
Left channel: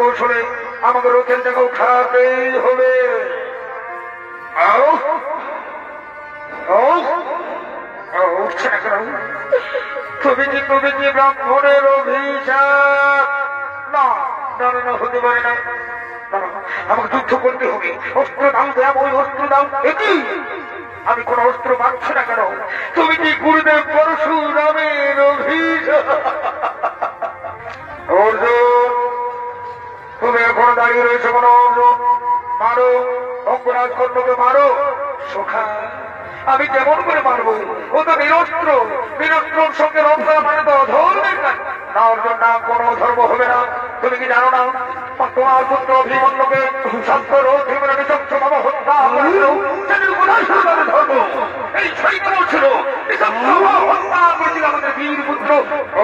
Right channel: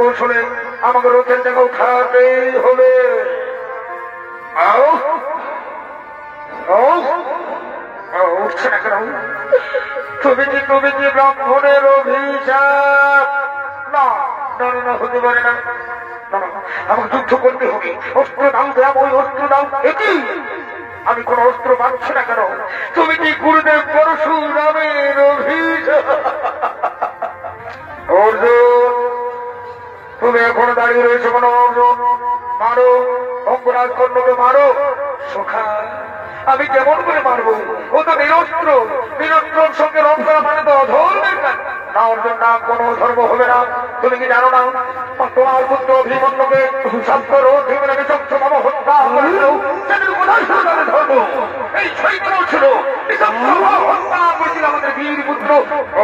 কৌশলে আমাকে রথের জায়গা উঠাতেই হবে। উঠছে না কেন? তুমি কি ব্রাহ্মণের অভিশাপ? না না না, হতে পারে না। আমাকে যুদ্ধ করতে হবে। অস্ত্র দাও, দেব ওই অস্ত্র দাও। এটি আমি কোন অস্ত্র পাচ্ছি না কেন? তুমি কি গুরুদেব পরশুরামের অভিশাপ? অর্জুন, তুমি এখনো দাঁড়িয়ে রয়েছে কোনো? অর্জুন, মারো, অঙ্গরাজ কর্ণকে মারো। সখা, আমি কেমন করে মারবো? ও তো নিরস্ত্র। নিরস্ত্রর সঙ্গে রথ করা মানে তো অধর্মের কাজ। না অর্জুন, না, কোন ধর্ম হবে না। তুমি কি জানো না তোমার পুত্র অভিমন্যুকে শাস্ত্র জীবনে নিঃশংস ভাব হত্যা করেছিল? সেটির কোথায় ছিল তাদের ধর্ম? এই শৈতন ছিল হত্যা করেছিল আমাদের বীর পুত্র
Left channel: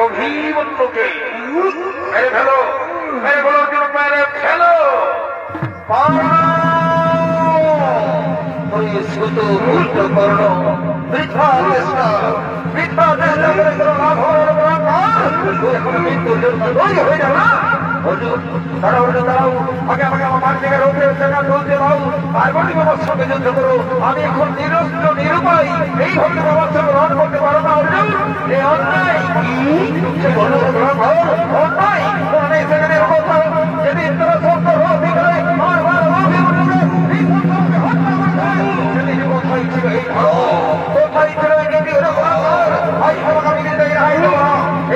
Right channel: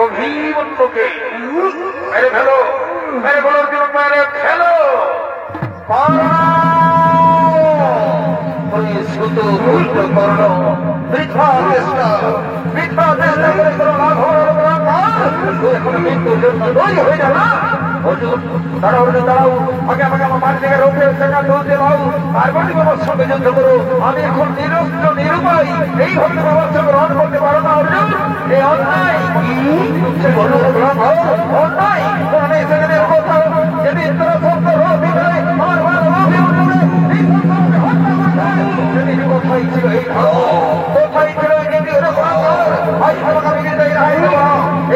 অভিমন্যুকে। মেরে ফেলো, মেরে ফেলো অর্জুন, মেরে ফেলো। শুধু ভুল করল মিথ্যা চেষ্টা, মিথ্যা চেষ্টা করে কোনো লাভ হয়ে যাবে না। দাঁড়াও, আগে আমাকে আমার মার জায়গায় রোগে সেটা তুলতে দাও। পার্বতী বাবার সঙ্গে যুদ্ধ করো। আমি এখন নিরস্ত্র নিরুপায়, এইভাবে বাবার সঙ্গে রণ করতে পারো না অর্জুন। এই অন্যায় অন্যায় সেখানে যদি তোরা সত্য রোধ করে কোথায় ছিল এই কোথায় ছিল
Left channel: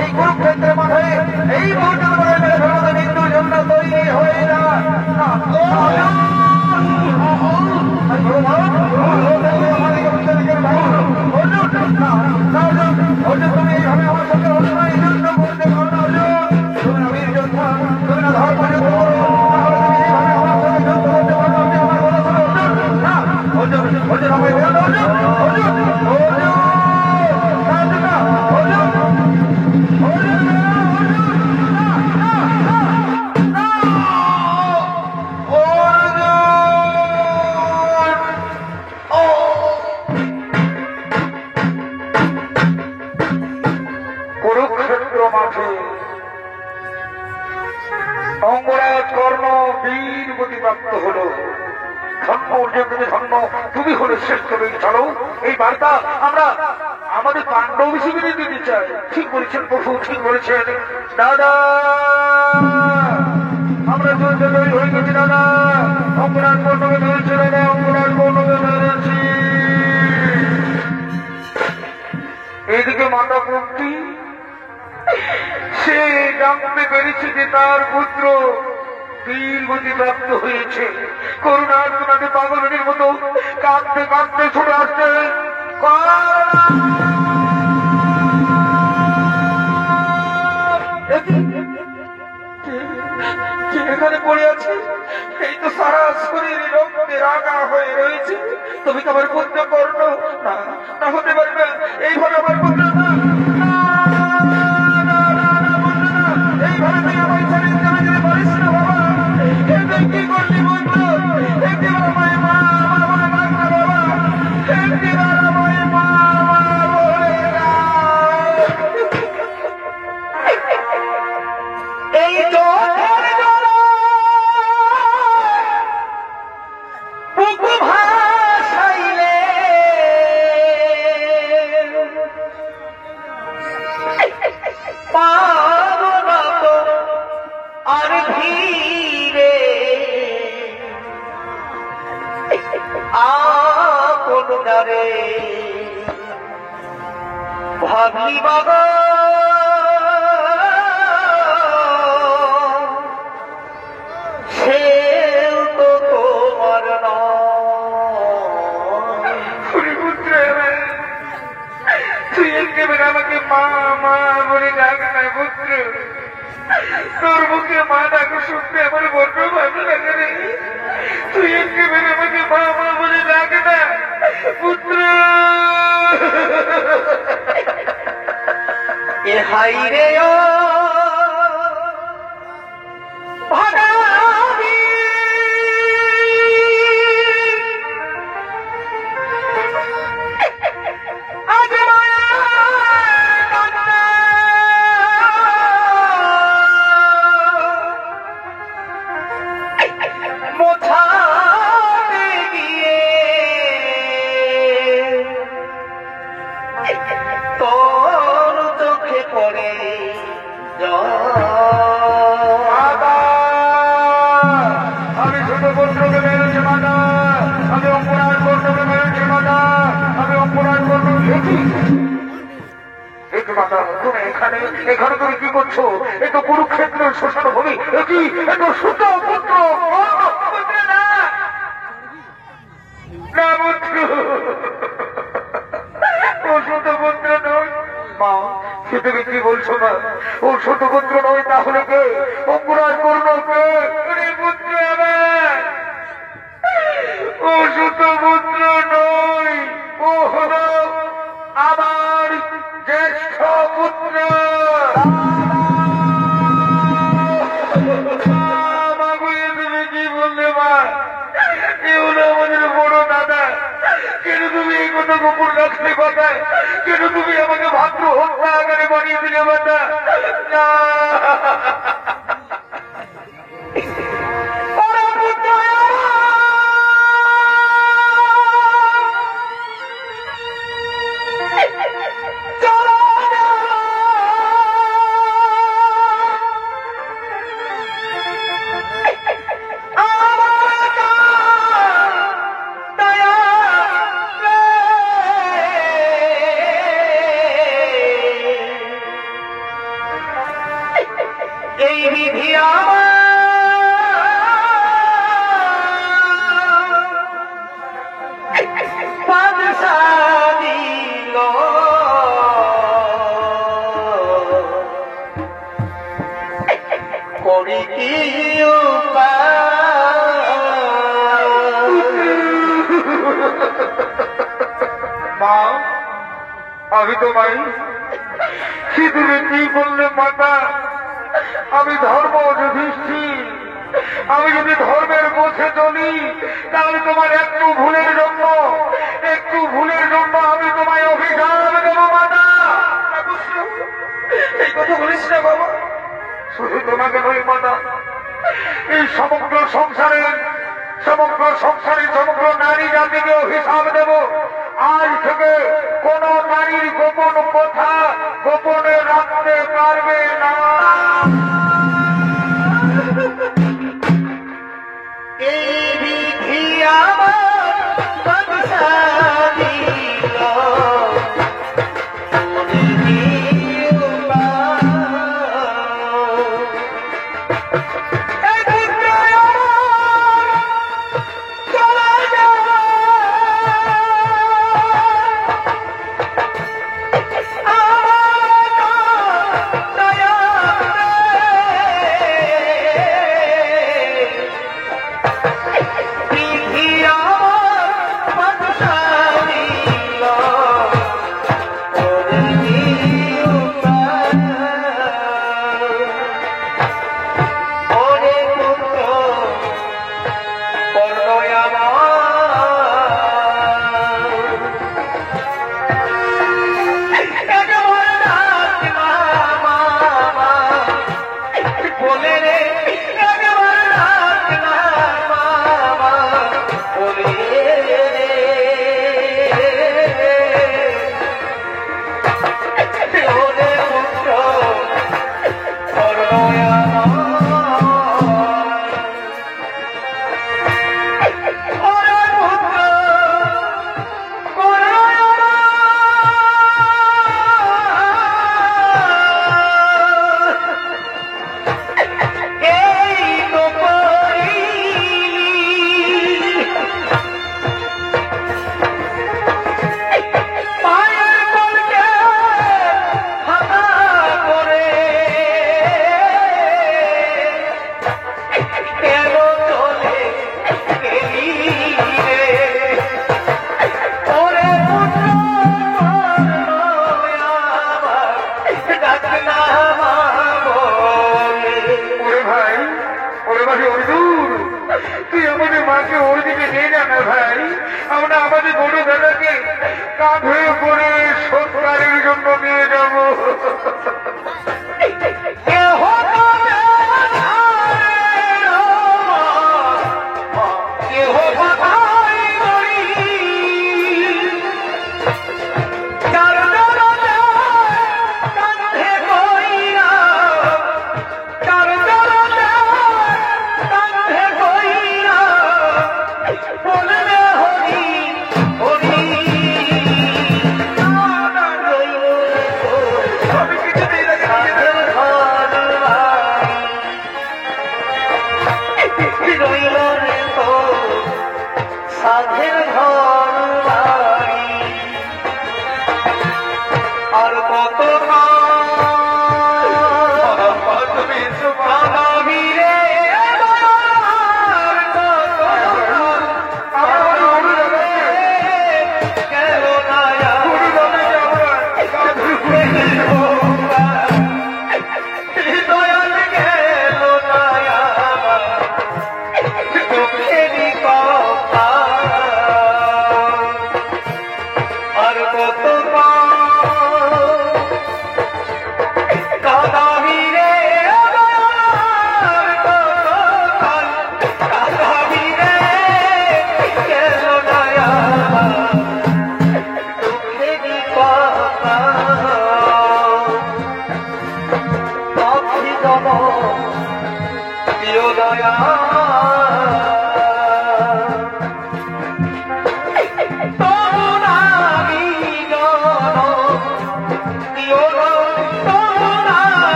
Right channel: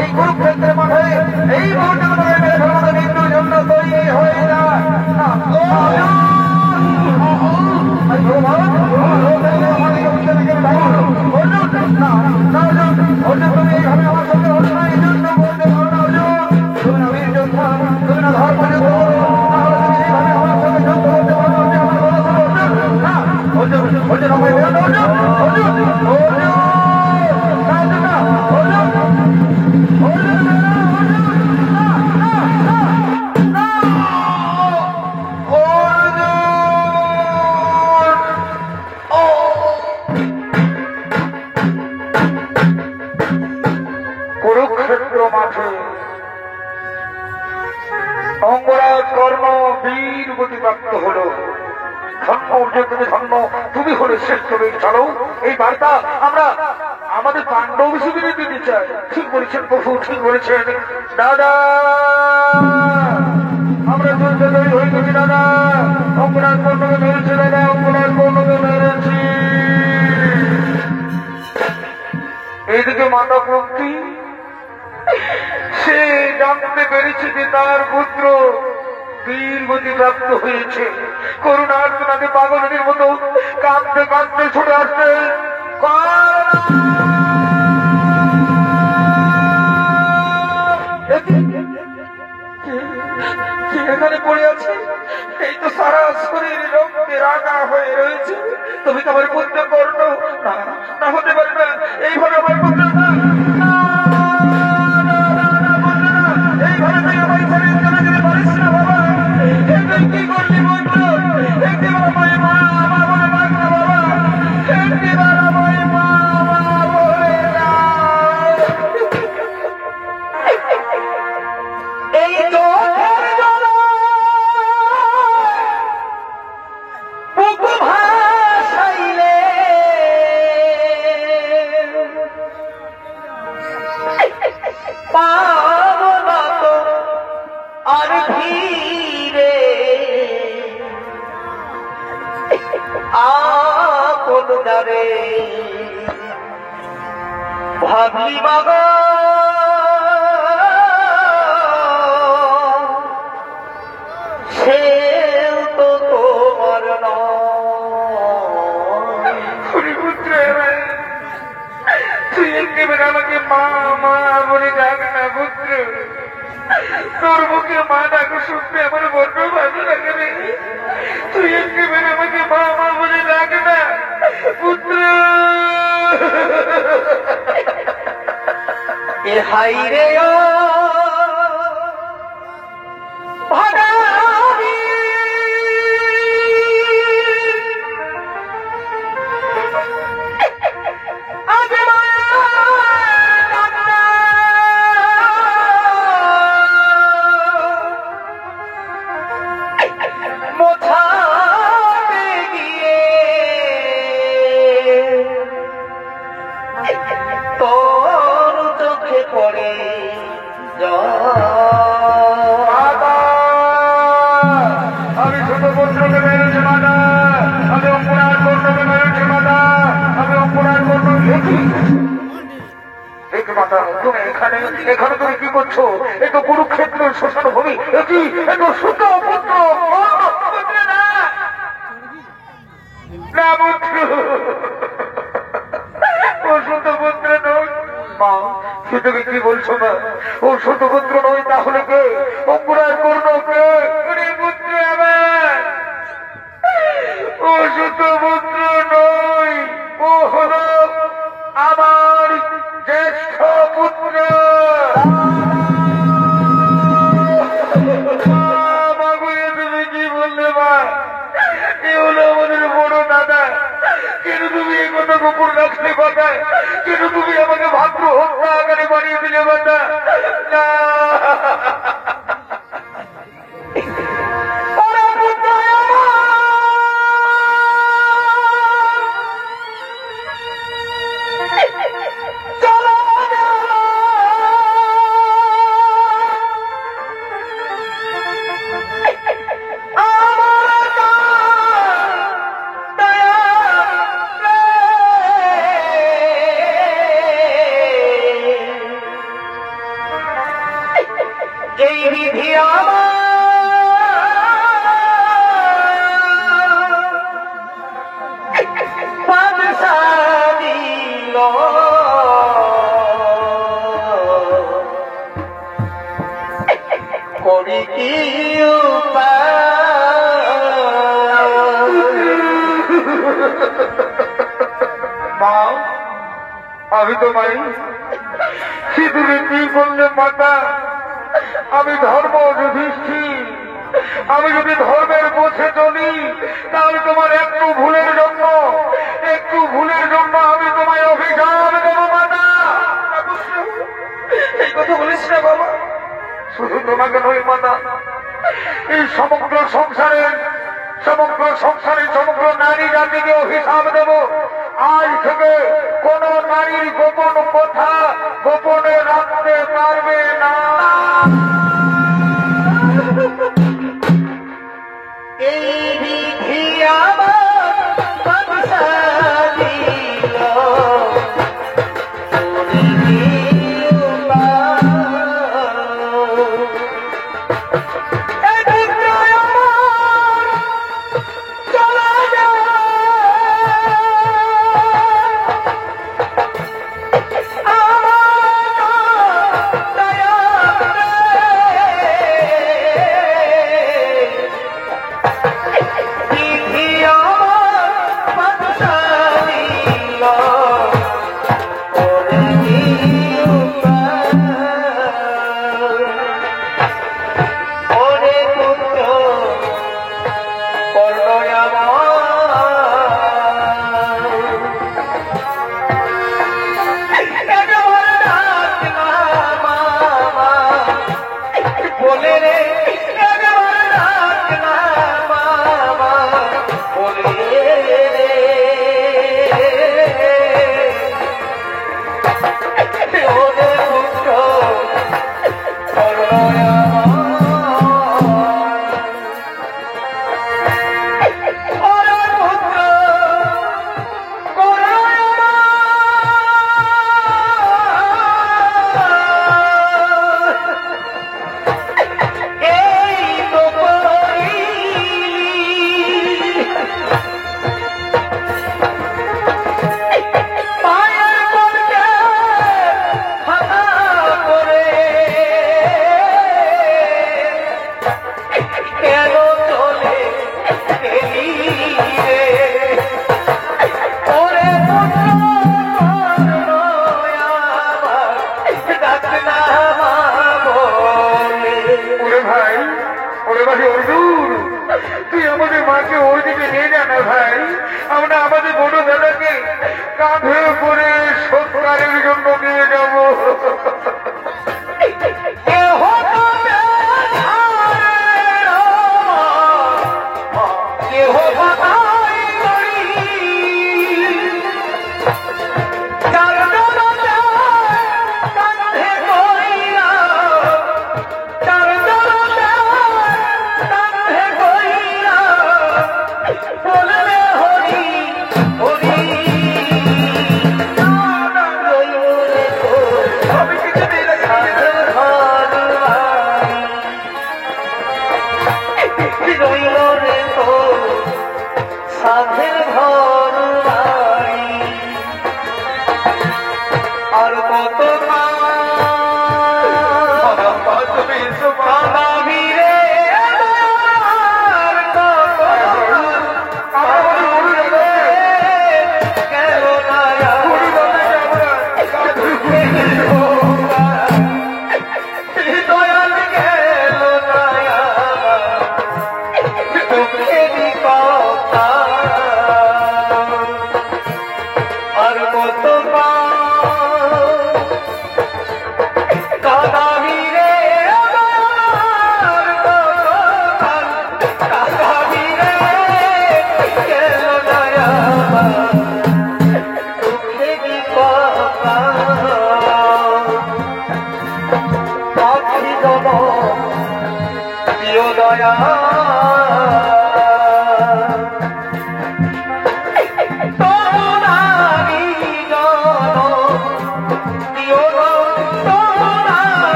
এই কুরুক্ষেত্রের মাঠে এই মৃত্যুর জন্য তৈরি হয়ে না। কুরুক্ষেত্র মাঠে অঙ্গরাজ কর্ণ বীর গতিপ্রাপ্ত হল। ধন্য অর্জুন, তুমি ধন্য, তুমি হলে শ্রেষ্ঠ বীর। চলো, এই বার্তা আমরা আমাদের পাণ্ডব হিসেবে দিতে চাই। ঠিক বলেছেন প্রভু, ঠিক বলেছেন। দাদা, আমরা যুদ্ধ তৈরি হয়ে গেছি দাদা। অঙ্গরাজ কর্ণকে ধরেছে দাদা, অঙ্গরাজ কর্ণকে ধরেছে। এইদিকে মাতা প্রকৃতি সে জানতে পেরেছে যে তার পুত্র বীর গতিপ্রাপ্ত হয়েছে। করুণার তোমাকে পাগলের মতো কাঁদতে কাঁদতে ছুটে আসছে। এখানে পড়ে আছে, এই তো সারা শরীর রক্তে রাগা হয়ে রয়েছে। তুমি তো আমার পুত্র কর্ণ, না হতে পারে না, এইভাবে আমার পুত্র না, এইভাবে তুই আমার ছেড়ে চলে যেতে পারিস না বাবা। কি করলি বন্ধু? একটিবার আমায় মা মা বলে ডাক না বাবা, একটিবার আমায় মা মা বলে ডাক। এই চোখের জন্য বুক ভাসাইলে পাবো না তো আর ধীরে আপন যারে ভাবলি বাবা সেও তো তোমার নয়। তুই একেবারে আমাকে মা মা বলে ডাক না পুত্র, তোর মুখে মা ডাকো শুনতে আমার বড্ড ভালো লাগে রে। তুই একেবারে আমাকে মা মা বলে ডাক না পুত্র। এ হাই রে ও ভাগাবি আজ মোছাতে গিয়ে তোর চোখে পড়ে আমি ছোট পুত্রকে মেরেছি মাতা, আমি অপরাধ পুত্রকে মেরেছি মাতা, আমি অপরাধ পুত্র। মাতা তুমি এখানে এখানে তুমি কি করছো? এ তো কুরুক্ষেত্রের শ্মশান ভূমি, কি এ তো ছোট পুত্র না পুত্র, ও ছোট পুত্র নয়। মা সে তুমি কি বলছো না? ও ছোট পুত্র নয় তাহলে কে? অপরাধ করলো কে? পুত্র আমার, ও ছোট পুত্র নয়, ও হলো আমার জ্যেষ্ঠ পুত্র। তুমি কি বললে মা? এ হলো আমাদের বড় দাদা। কেন তুমি এই কথা গোপন রাখতে পারবে? কেন তুমি আমাকে ভাদ্র হত্যা আকারে বানিয়ে দিলে মাতা? না এই বিধি দিল করি কি মা, আমি তোমায় সিঁদুরে কি বললে মাতা? আমি ধর্ম যুধিষ্ঠির, আমি যদি ধর্মের পথে চলি তাহলে তোমার একটু ভুলের জন্য আমি তোমায় অভিশাপ দেবো মাতা। এই কথা বলিস না বাবা। শুধু তোমাকে নয় মাতা, এই সমগ্র সংসারের সমগ্র নারী জাতিকে অভিশাপ দেব। আজ থেকে কোন নারীর গোপন কথা গোপনে রাখতে পারবে না। এই বিধি আমার দিল ভাই অর্জুন, তুই আমাদের মাকে ওর দিকে নিয়ে যা না ভাই। আমরা আমাদের বড় দাদাকে কাঁধে করে সৎকারের জন্য নিয়ে যাবো।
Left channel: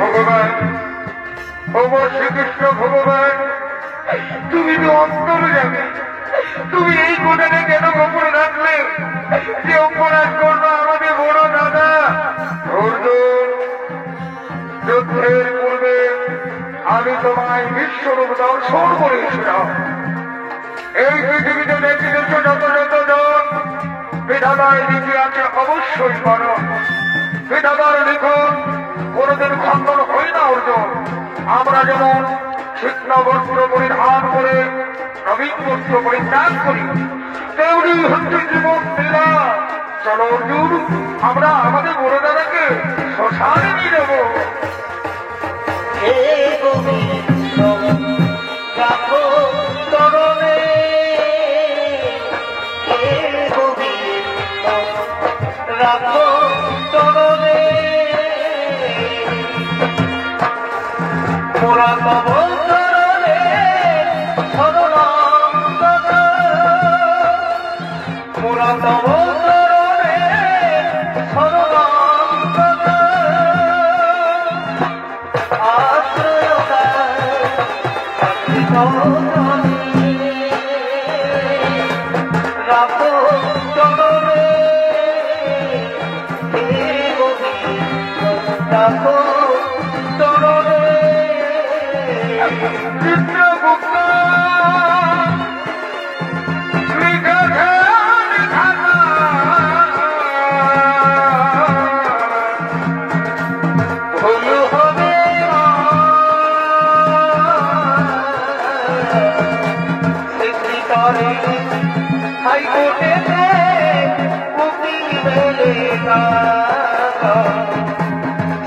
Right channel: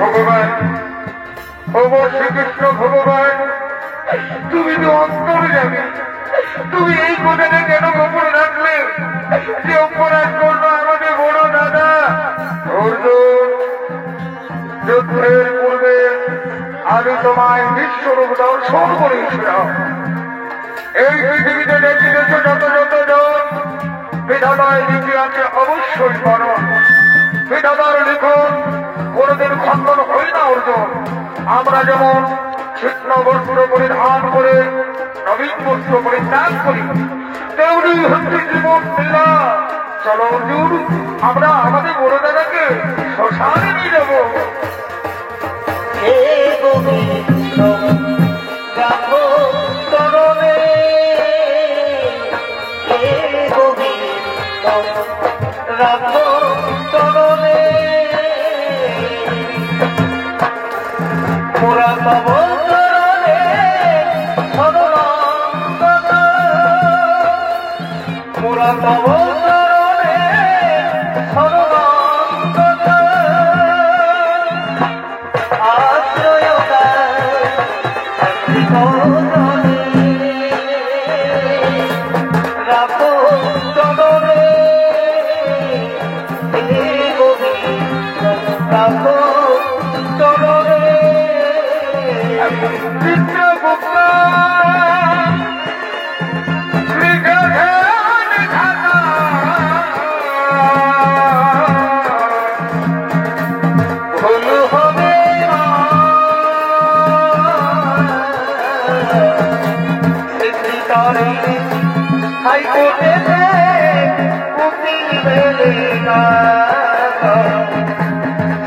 ভগবান, শ্রীকৃষ্ণ ভগবান, তুমি তো অন্তর যাবে, তুমি এই কথাটা কেন গোপন রাখলে যে অপরাধ করলো আমাদের বড় দাদা অর্জুন? যুদ্ধের পূর্বে আমি তোমায় বিশ্বরূপ দর্শন করেছিলাম। এই পৃথিবীতে নেতৃত্ব যতজন বিধাতার ইতিহাসে অবশ্যই করো। বিধাতার লিখন কোনদিন খণ্ডন হয় না অর্জুন। আমরা যেমন শিক্ষা বস্ত্র পরিধান করে নবীন বস্ত্র পরিত্যাগ করি, তেমনি হচ্ছে জীবন লীলা। চলো অর্জুন, আমরা আমাদের বড় দাদাকে শ্মশানে নিয়ে যাবো।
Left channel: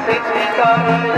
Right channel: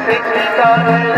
Secretary